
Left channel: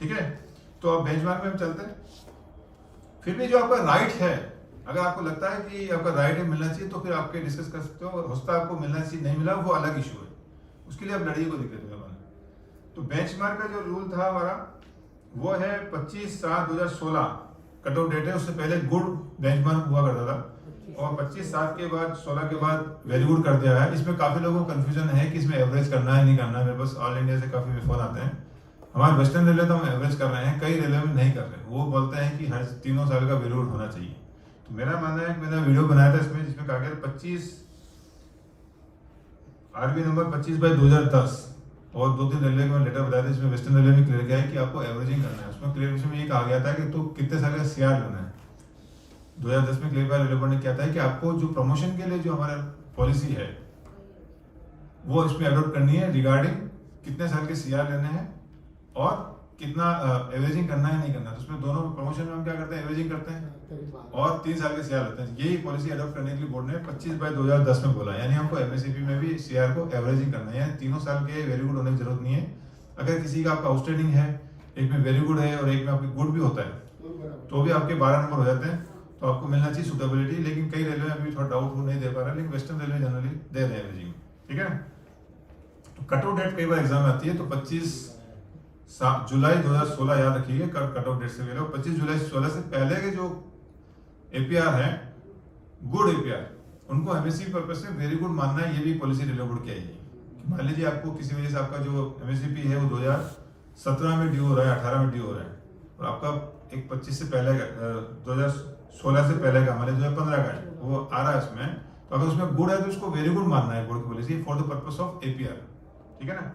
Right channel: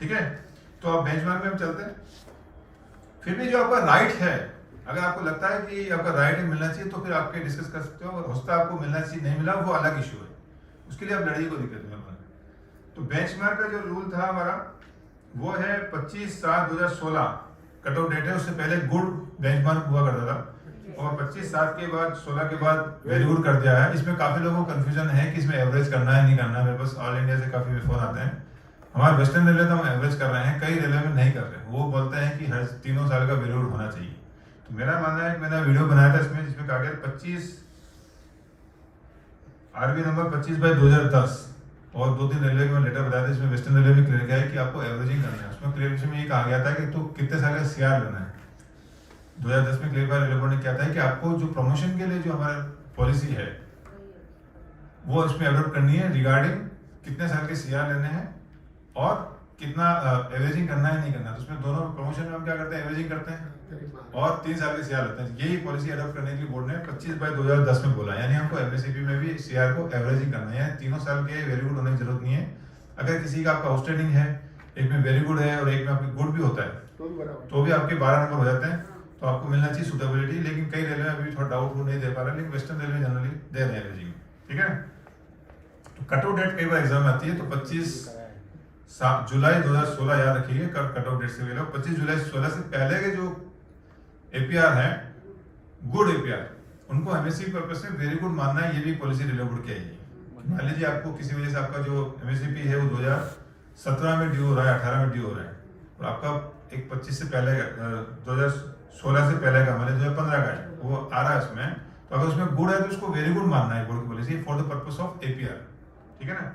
ठीक है। तो आप बेंचमार्क में हम चलते हैं। फिर भी जो आपका राइट है, अगर आपको लगता है कि आपका राइट मिलना चाहिए, तो फिर आपके डिस्कस कर सकते हो। और हो सकता है आपको मिलना चाहिए, नहीं मिला, वो अलग इशू है, उसके लिए आप लड़िए, को दिक्कत है। तो बेंचमार्क का जो रूल था हमारा, वो है 25/7/2016 कट ऑफ डेट है। उससे पहले गुड बेंचमार्क हुआ करता था, और 25/7 के बाद 16 के बाद वेरी गुड कर दिया है। इसमें काफी लोगों को कंफ्यूजन है कि इसमें एवरेज करना है नहीं करना है। मेरे पास ऑल इंडिया से काफी फोन आते हैं, हमारे वेस्टर्न रेलवे तो हम एवरेज कर रहे हैं, कई रेलवे में नहीं कर रहे, वो बोलते हैं कि हर 3 साल का वेरी गुड होना चाहिए। तो मेरा मानना है कि मैंने वीडियो बनाया था इसमें, जिसमें कहा गया 25 आरबी नंबर 25/2010, और 2-3 रेलवे को लेटर बताया था, इसमें वेस्टर्न रेलवे में क्लियर किया है कि आपको एवरेजिंग करना है। उसमें क्लियर में ये कहा गया था कि तो कितने साल का सीआर लेना है। 2010 में क्लियर रेलवे बोर्ड ने क्या था कि आपको जो प्रमोशन के लिए जो हमारा पॉलिसी है, वो इसमें अडॉप्ट करनी है रिगार्डिंग कितने साल के सीआर लेने हैं और कितना एवरेजिंग करना है नहीं करना। तो उसमें दोनों प्रमोशन में हम क्या करते हैं, एवरेजिंग करते हैं और 3 साल के सीआर लेते हैं। यही पॉलिसी अडॉप्ट करने के लिए बोर्ड ने 25/2010 में बोला, यानी हमको एमएससीपी में भी सीआर को एवरेजिंग करना है, 3 साल के वेरी गुड होने की जरूरत नहीं है। अगर किसी का आपका आउटस्टैंडिंग है, एक में वेरी गुड है और एक में आपके गुड भी होता है, तो भी बराबर। तो भी आपके 12 नंबर हो जाते हैं, तो आपको मिलना चाहिए सुटेबिलिटी। लेकिन कई रेलवे अभी थोड़ा डाउट वो नहीं दे पा रहा, लेकिन वेस्टर्न रेलवे जनरली दे रहे हैं रेजिंग, ठीक है। तो कट ऑफ डेट कई बार एग्जाम में आती है, तो 25 जुलाई 2016 याद रखिए कट ऑफ डेट से पहले। 25 जुलाई 2016 से पहले के जो एपीआर है, गुड एपीआर, उनको एमएससी पर्पस से वेरी गुड मानना है। ये भी पॉलिसी रेलवे बोर्ड की आएगी। मान लीजिए आपको किसी वजह से आपका जो एमएससीपी है वो 2017 में ड्यू हो रहा है, 18 में ड्यू हो रहा है, और आपका एक 25 से पहले 2016 से पहले का, मान लीजिए 2015 का है, वो आ रहा है उसमें, तो अगर उसमें गुड है तो उसको वेरी गुड मानना है बोर्ड की policy for the purpose of APR, ठीक है ना।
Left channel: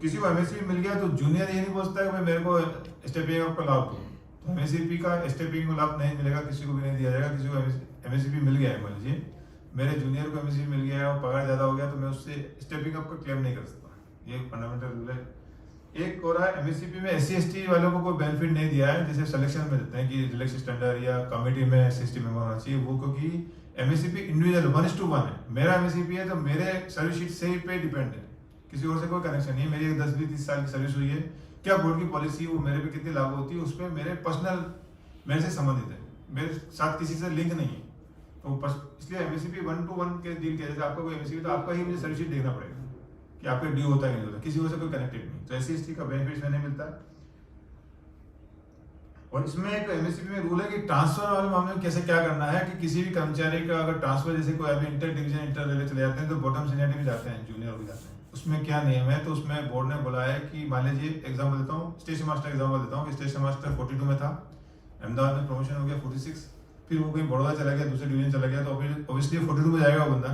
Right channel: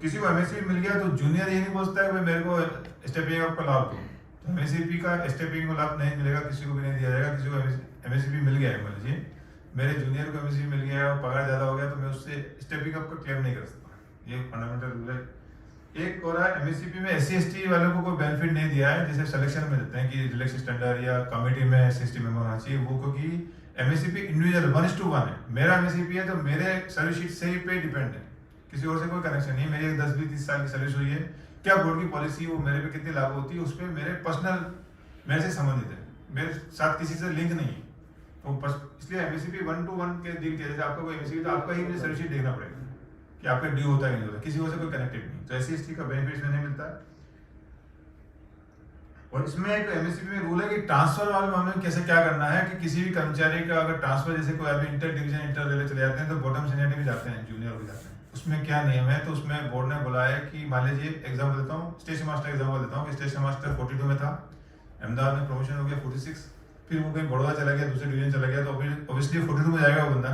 किसी को एमएससीपी मिल गया तो जूनियर ये नहीं बोलता है कि मेरे को स्टेपिंग अप का लाभ दो, तो एमएससीपी का स्टेपिंग का लाभ नहीं मिलेगा, किसी को भी नहीं दिया जाएगा। किसी को एमएससीपी मिल गया है, मान लीजिए मेरे जूनियर को एमएससीपी मिल गया है और पगार ज्यादा हो गया, तो मैं उससे स्टेपिंग अप का क्लेम नहीं कर सकता, ये फंडामेंटल रूल है। एक और एमएससीपी में एससी एसटी वालों को कोई बेनिफिट नहीं दिया है, जैसे सिलेक्शन में देते हैं कि रिलैक्स स्टैंडर्ड या कमेटी में एससी एसटी मेंबर होना चाहिए, वो क्योंकि एमएससीपी इंडिविजुअल 1:1 है। मेरा एमएससीपी है तो मेरे सर्विस शीट से ही पे डिपेंड है, किसी और से कोई कनेक्शन नहीं। मेरी 10-20-30 साल की सर्विस हुई है, क्या बोर्ड की पॉलिसी वो मेरे पे कितनी लागू होती है उस पर मेरे पर्सनल मेरे से संबंधित है, मेरे साथ किसी से लिंक नहीं है। तो इसलिए एमएससीपी 1-1 के डील किया, जैसे आपका कोई एमएससीपी तो आपका ही मुझे सर्विस शीट देखना पड़ेगा कि आपका ड्यू होता है नहीं होता, किसी और से कोई कनेक्टेड नहीं। तो एससी एसटी का बेनिफिट नहीं मिलता। और इसमें एक एमएससीपी में रूल है कि ट्रांसफर वाले मामले में कैसे क्या करना है, कि किसी भी कर्मचारी का अगर ट्रांसफर, जैसे कोई अभी इंटर डिवीजन इंटर रेलवे चले जाते हैं तो बॉटम सीनियरिटी में जाते हैं, जूनियर हो जाते हैं, उसमें क्या नियम है। तो उसमें बोर्ड ने बोला है कि मान लीजिए एग्जाम्पल देता हूँ, स्टेशन मास्टर एग्जाम्पल देता हूँ कि स्टेशन मास्टर 42 में था, अहमदाबाद में प्रमोशन हो गया 46, फिर वो कहीं बड़ौदा चला गया, दूसरे डिवीजन चला गया, तो ऑब्वियसली 42 में जाएगा वो बंदा।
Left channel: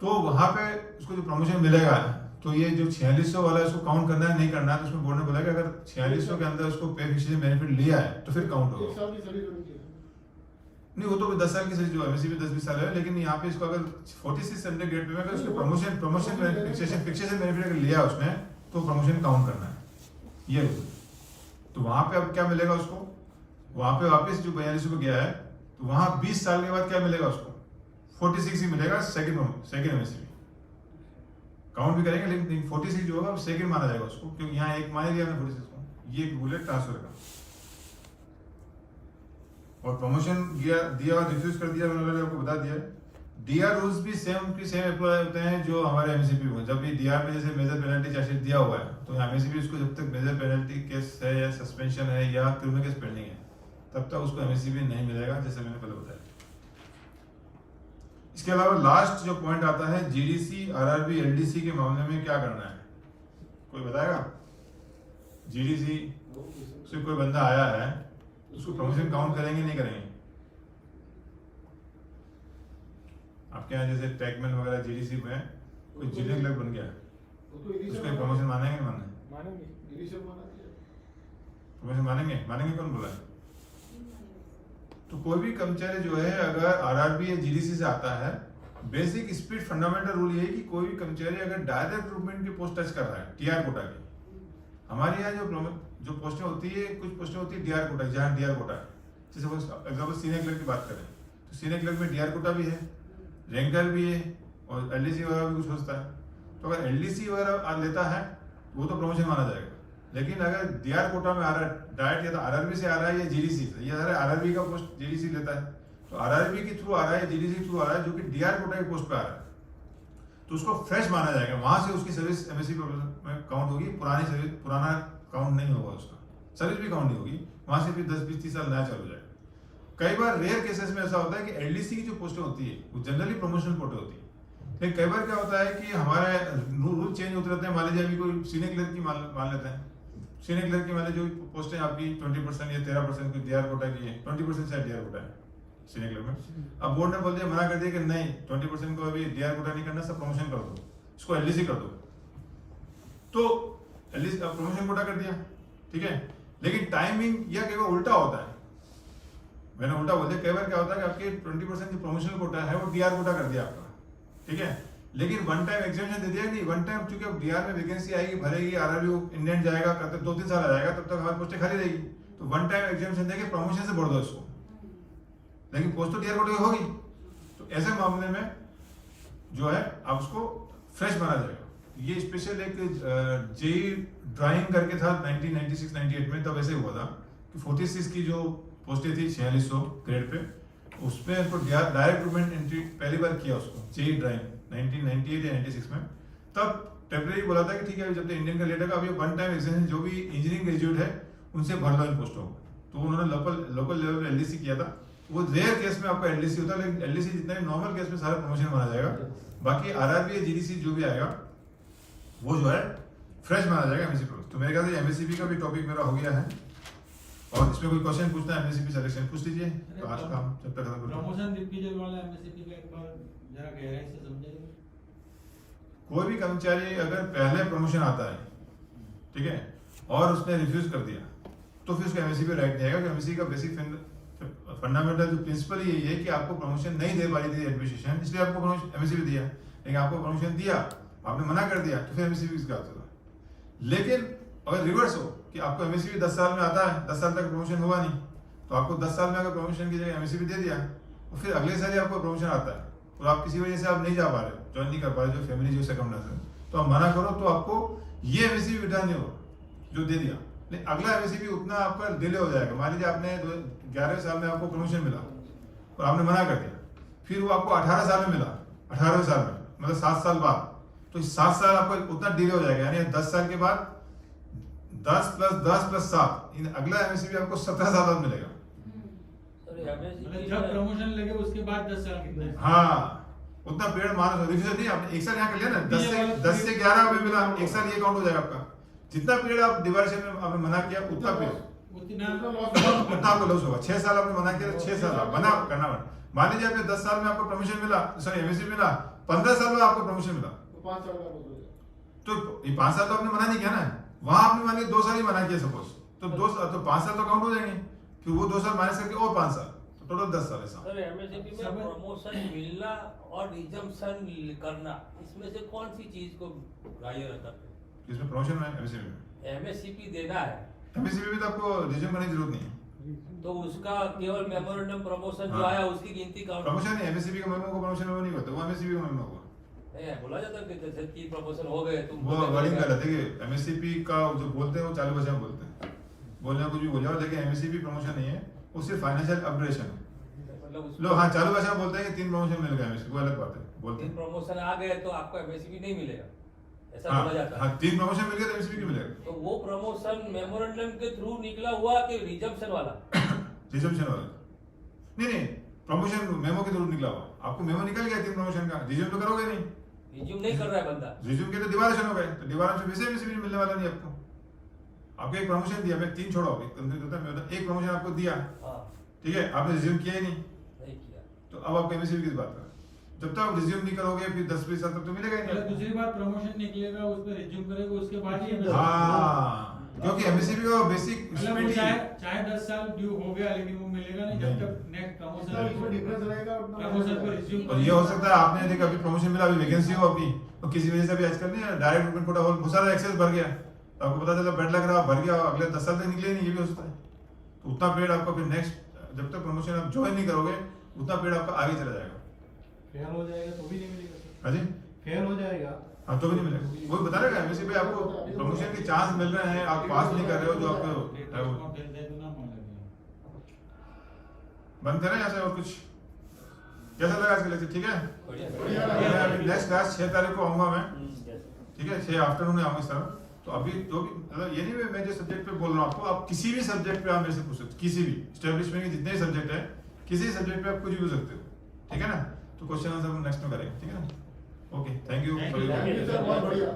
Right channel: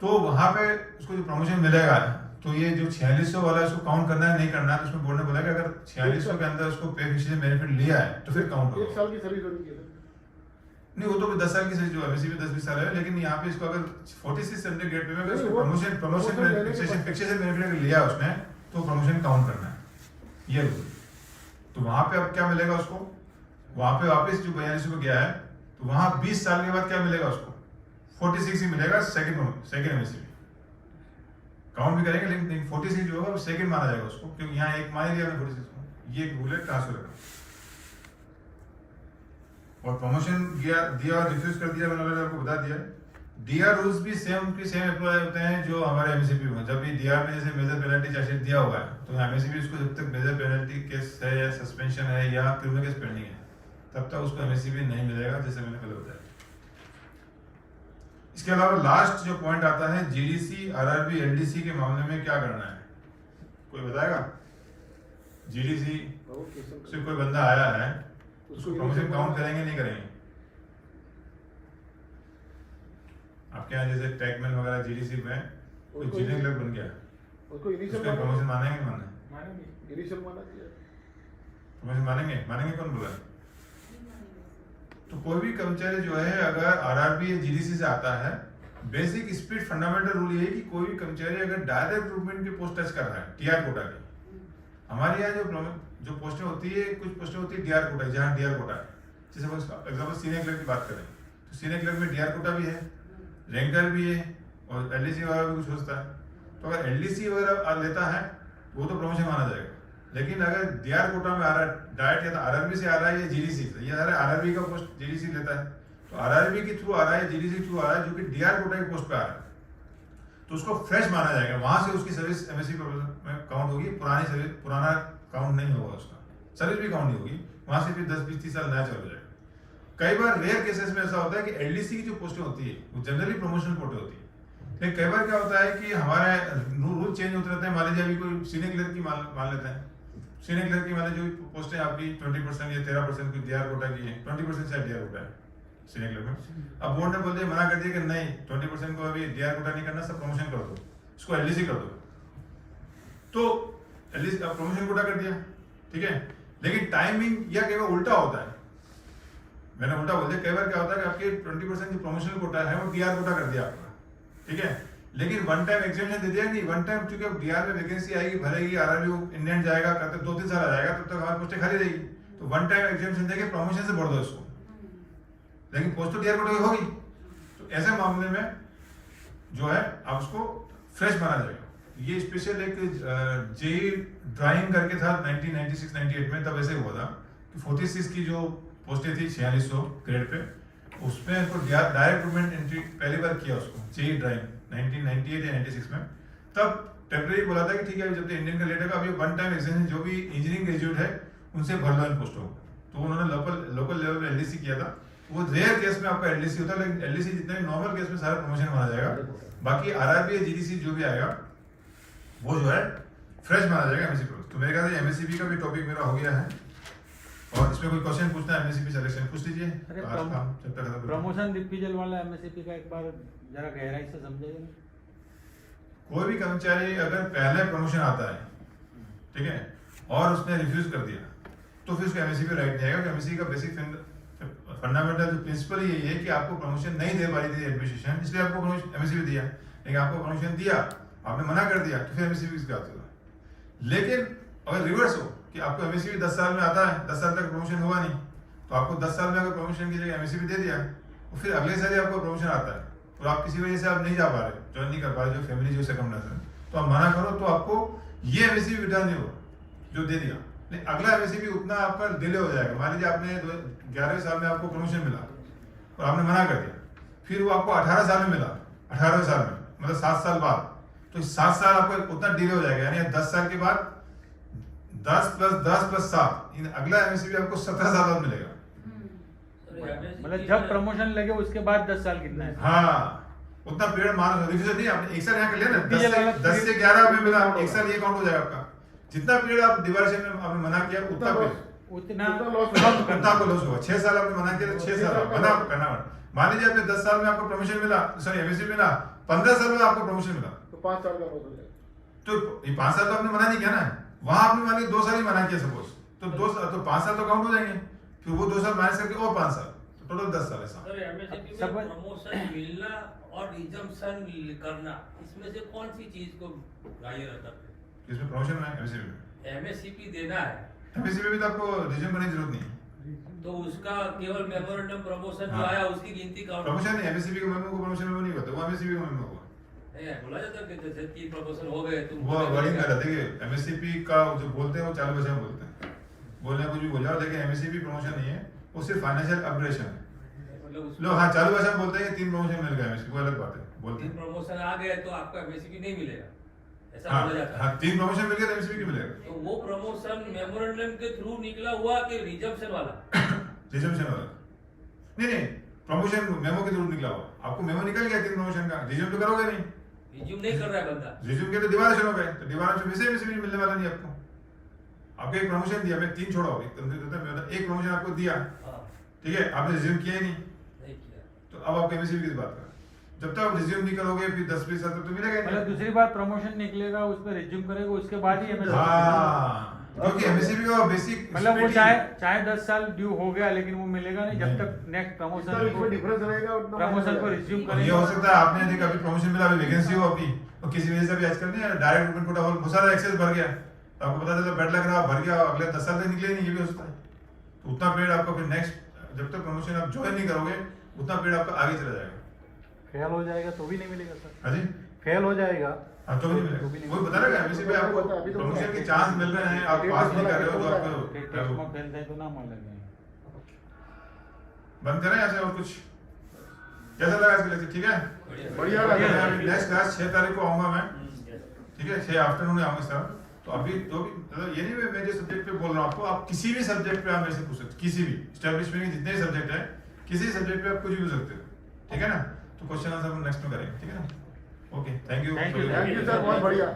तो वहां पे उसको जो प्रमोशन मिलेगा, तो ये जो 4600 वाला है उसको काउंट करना है नहीं करना है, तो उसमें बोर्ड ने बोला कि अगर 4600 के अंदर उसको पे फिक्सेशन बेनिफिट लिया है तो फिर काउंट होगा। 1 साल की सर्विस होनी चाहिए। नहीं, वो तो 10 साल की सर्विस जो एमएससीपी 10-20 साल है, लेकिन यहाँ पे इसको अगर 46 से ग्रेड पे में अगर उसको प्रमोशन फिक्सेशन बेनिफिट अगर लिया उसने तो प्रमोशन काउंट करना है, ये रूल। तो वहां पे अब क्या मिलेगा उसको, वहां पे वापस जो 42 में गया है तो वहां 20 साल के बाद क्या मिलेगा उसको, 46 ही मिलेगा, सेकंड एमएससीपी काउंट भी करेंगे, लेकिन 46 जो होगा सेकंड माना जाएगा उसको, क्योंकि यहाँ एक मान लिया 46 को। ये एक रूल है ट्रांसफर का। और प्रमोशन दिया और रिफ्यूज कर दिया, मैंने आपको बता दिया। डीआर रूल्स भी सेम अप्लाई होते हैं जो हमारे एमएससीपी में। जब भी डीआर में जैसे मेजर पेनल्टी चार्जशीट दिया हुआ है, तो एमएससीपी उसको जब तक मेजर पेनल्टी केस है या सस्पेंशन है या क्रिमिनल केस पेंडिंग है, तब तक उसको एमएससीपी नहीं मिलेगा, जैसे मैंने पहले बताया। इसके अलावा लास्ट जो पॉइंट आता है, जीडीसी आरआरबी एलडीसी के मामले में क्या करना है, कोई बताएगा? जीडीसी से कोई बंदा आया है, उसको प्रमोशन काउंट करेंगे नहीं करेंगे? आपके यहाँ जैसे टैगमैन वगैरह जीडीसी में कोई जीडी क्लर्क बन गया, उसको प्रमोशन मानेंगे नहीं मानेंगे? प्रमोशन मानेंगे कौन बोला है? तो कोई भी कर्मचारी जो है अगर आरआरबी या जीडीसी से आता है, बेसिक स्पीड फंडामेंटल रूल ये है कि कोई भी कर्मचारी अगर डायरेक्ट रिक्रूटमेंट की पोस्ट टच कर रहा है, टीआर कोटा की, हमारे यहाँ जो पोस्टें होती है, कुछ पोस्टें होती है डीआर कोटा, जहाँ डीआर कोटा है, जैसे एग्जाम्पल सीनियर क्लर्क की बात करें तो सीनियर क्लर्क में डीआर कोटा भी है, रैंकर भी है और एलडीसी वगैरह भी कुछ होता है। तो अगर एलडीसी वगैरह लेता है वो तो प्रमोशन माना जाएगा, लेकिन अगर डीआर कोटा में आ रहा है डायरेक्ट, या तो आरआरबी से आ रहा है या जीडीसी से, या आरआरबी का पोस्ट जीडीसी लेता है, तो आरआरबी के थ्रू आ रहा है, जीडीसी के थ्रू आ रहा है, जो कि डीआर कोटा की पोस्ट पे आ रहा है, तो उसको फ्रेश माना जाएगा, वहां से उसकी सर्विस एमएससी में काउंट होगी, पुरानी सर्विस पुराना काउंट नहीं होगा, उसका सर्विस भी काउंट नहीं होगी, वहां से भी 10-20-30 साल नया चल जाएगा। कई बार रेयर केसेस में ऐसा होता है कि एलडीसी की जो पोस्टें होती है वो जनरली प्रमोशनल कोटे होती है, लेकिन कई बार क्या होता है कि हमारे रूल चेंज होते रहते हैं। मान लीजिए अभी कोई सीनियर क्लर्क की मान लेते हैं, सीनियर क्लर्क की मान लीजिए जो पोस्टें आपकी 20% या 13% की डीआर कोटा की है, 20% से डीआर कोटा है सीनियर क्लर्क में। अब बोर्ड ने बोल दिया, मना कर दिया कि नहीं 20% को अभी डीआर कोटा नहीं करना, सब प्रमोशन कर दो, इसको एलडीसी कर दो, तो एलडीसी प्रमोशन कोटा कर दिया, ठीक है। लेकिन टाइमिंग या कई बार उल्टा होता है, मैंने उल्टा बोल दिया, कई बार क्या होता है कि आपके 20% जो प्रमोशनल कोटा है वो डीआर कोटा कर दिया आपका, ठीक है, लेकिन वन टाइम एग्जामिनेशन दे दिया नहीं, वन टाइम चूंकि अब डीआर में वैकेंसी आएगी, भरेगी, आरआरबी इंडियन जाएगा, तब 2-3 साल आ जाएगा, तब तक हमारी पोस्टें खाली रहेगी, तो वन टाइम एग्जामिनेशन देके प्रमोशन से बढ़ दो इसको, लेकिन पोस्ट तो डीआर कोटा की होगी। तो ऐसे मामले में जो है आप उसको फ्रेश माना जाएगा, ये स्पेशल एक जेई ड्राइंग करके था 1996-98 में, तब ऐसे हुआ था कि 46 की जो पोस्टें थी 4600 ग्रेड पे, उसमें इनको डायरेक्ट रिक्रूटमेंट एंट्री पहली बार किया उसको जेई ड्राइंग 1998 या 96 में। तब टेम्परेरी बोला था कि ठीक है जब तक इंडियन का लेटर का अभी वन टाइम एक्सटेंशन जो भी इंजीनियरिंग ग्रेजुएट है उनसे भर लो इन पोस्टों को। तो उन्होंने लोकल लेवल पे एलडीसी किया था। वो रेयर केस में आपका एलडीसी होता है, लेकिन एलडीसी जितना भी नॉर्मल केस में सारा प्रमोशन माना जाएगा। बाकी आरआरबी जीडीसी जो भी आएगा वो जो है फ्रेश माना जाएगा एमएससी प्रोसेस। तो मेरे ख्याल से एमएससीबी का भी टॉपिक मेरा हो गया है, और इसमें कोई क्वेश्चन पूछना है एमएससीबी सिलेक्शन पूछ लीजिए। तो आज काम जब तक खत्म प्रमोशन दिग्विजय वाला एमएससीपी का एक बार जरा गहराई से समझाइए। कोई भी कर्मचारी अगर पहले प्रमोशन आता है, ठीक है, और उसने रिफ्यूज कर दिया तो फिर उसको एमएससीबी राइट नहीं आएगा। एमएससी का बेसिक फंडामेंटल जो प्रिंसिपल यही है कि आपको प्रमोशन नहीं दे पाई थी एडमिनिस्ट्रेशन, इसलिए आपको एमएससीबी दिया। लेकिन आपको प्रमोशन दिया, आपने मना कर दिया, तो फिर एमएससीबी किसका आता है। लेकिन अगर रिवर्स हो कि आपको एमएससीबी 10 साल में आता है, 10 साल तक प्रमोशन हुआ नहीं, तो आपको 10 साल में अगर प्रमोशन की जगह एमएससीबी दे दिया, तो फिर अगले साल ही आपको प्रमोशन आता है और आप किसी वजह से आप नहीं जा पा रहे, ज्वाइन नहीं कर पा रहे, जो फैमिली जो सर्कमस्टेंस है, तो आप मना करो तो आपको ये एमएससीबी रिटर्न नहीं होगा जो दे दिया। लेकिन अगला एमएससीबी उतना आपका डिले हो जाएगा। मान लीजिए आपने 11वें साल में आपको प्रमोशन मिला और आपने मना कर दिया, फिर वो आपको 18 साल में मिला, 18वें साल में मतलब 7 साल बाद, तो 7 साल आपका उतना डिले हो जाएगा। यानी 10 साल के बाद 10 + 10 + 7 अगला एमएससीबी आपको 17 साल बाद मिलेगा। मतलब जब प्रमोशन लगे उसके बाद 10 साल कितना है? हाँ, उतना पीरियड मानो रिविजन नहीं, आपने एक साल यहाँ कर लिया ना, 10 से 11 में मिला, एक साल ये काउंट हो जाएगा आपका। जितना पीरियड आप डिवाइडेशन में आपने मना किया उतना पीरियड उतना उतना आपको लॉस होगा। 6 साल आपने मना किया, 6 साल आप मना करना। मान लीजिए आपने 10 साल में आपको प्रमोशन मिला, सॉरी एमएससी मिला, 15 साल में आपको प्रमोशन मिला, तो 5 साल का हो जाएगा। तो ये 5 साल तो आपने मना नहीं किया ना, वहां आपने मान लीजिए 2 साल ही मना किया सपोज, तो 2 साल तो 5 साल तो काउंट हो जाएंगे, फिर वो 2 साल माइनस करके और 5 साल, तो टोटल 10 साल है साहब। सर एमएससीपी में प्रमोशन मिलना और रिजम्पशन करना, इसमें से कौन सी चीज को ग्राह्य रहता है? इसमें प्रमोशन है एमएससी में, एमएससीपी देना है एमएससी में तो आपको रिज्यूम करने की जरूरत नहीं है। तो उसका केवल मेमोरेंडम प्रमोशन जो हाँ। आया उसकी गिनती काउंट प्रमोशन नहीं, एमएससी का मेमो को प्रमोशन मेमो नहीं होता, वो एमएससी का मेमो हुआ। नहीं है, बोला जाता है कि जैसे कि प्रमोशन हो गए तुम वो वर्डिंग गलत है कि एमएससीपी का जो बोलते हैं वो चालू भाषा में बोलते हैं, बोलना कुछ भी बोल जाओ, लेकिन एमएससीपी प्रमोशन नहीं है, वो सिर्फ फाइनेंशियल अपग्रेडेशन है। मतलब लोग हाँ चालू भाषा में बोलते हैं कि 3 प्रमोशन मिल गए एमएससी, वो अलग बात है, बोलते तीन हैं। प्रमोशन आ गए तो आपको एमएससीपी नहीं मिलेगा, ऐसा हाँ बोला जाता हाँ है। 3 प्रमोशन मिल गए तो एमएससी की मिलेगा, तो वो प्रमोशन मेमोरेंडम के थ्रू निकला हुआ कि रिजम्पशन वाला? रिजम्पशन वाला नहीं, प्रमोशन मेमो के थ्रू निकला हुआ, आपको मेमो निकल गया 3 प्रमोशन का, रिज्यूम तो करोगे नहीं, रिज्यूम नहीं कर रहा है बंदा, रिज्यूम के तो डिवाइडेशन हो गए, तो डिवाइडेशन वैसे एमएससी मिलने वाला नहीं आपको। आपको एक प्रमोशन दिया, मैं 3 छोड़ा, एक प्रमोशन आपको दिया, हाँ ठीक है, आपने रिज्यूम किया ही नहीं, नहीं किया तो अब आप एमएससी की बात कर, जब तक आप रिज्यूम नहीं करोगे फिर 10-20 साल तक तो मिलेगा ही मतलब नहीं। दूसरी बार प्रमोशन निकलेगा उस पर रिज्यूम करेगा उसके बाद ही MSc हाँ, क्योंकि एमएससी का बेसिक मतलब वो चाहे 10 साल ड्यू हो गया लेकिन वो मिलेगा नहीं जब तक नेक्स्ट जितना इसमें डिफरेंस रहेगा उतना प्रमोशन को रिज्यूम और ये हो सकता है आपने यदि कभी प्रमोशन मिला, अभी वैकेंसी हो अपनी, और किसी वजह से भी आजकल नहीं डायरेक्ट रिक्रूटमेंट कोटा बहुत सारा एक्सेस भर गया, आपको पता चला बेड लग रहा भर गया, अगले 10 साल तक निकले नहीं, ये भी हो सकता है। तो उतना पीरियड आपको फिर नेक्स्ट जब तक प्रमोशन आप ज्वाइन नहीं करोगे उतना पीरियड आपका आगे चला जाएगा। फेल हो जाएगा तो भी नहीं मिलेगा सर? हाँ जी, फेल हो जाएगा हाँ तो भी नहीं मिलेगा, वो बता रहा है एमएससी पे आपको प्रमोशन के चांस मिल रहे हैं, आप पास नहीं कर रहे हो, जो आपको फैलता है तो ना मान लगे। बंद करें ऐसे और कुछ कैसा लगा इसका लेक्चर? ठीक है, बढ़िया लगा। नेक्स्ट क्लास 6 तारीख को आऊंगा मैं, ठीक है, 6 आफ्टरनून में आऊंगा इस तरह। तो अभी तो भी मतलब ये नहीं मैं जो सब्जेक्ट पे बोल रहा हूँ आपको, आप किसी भी सब्जेक्ट पे आप मेरे से पूछ सकते, किसी भी एस्टेब्लिशमेंट के जितने सब्जेक्ट है किसी सब्जेक्ट पे आप कुछ भी पूछ सकते हो, ठीक है ना। तो क्वेश्चन आंसर हम नेक्स्ट में करेंगे, ठीक है ना। Okay, thank you Thank you, thank you sir, बहुत बढ़िया।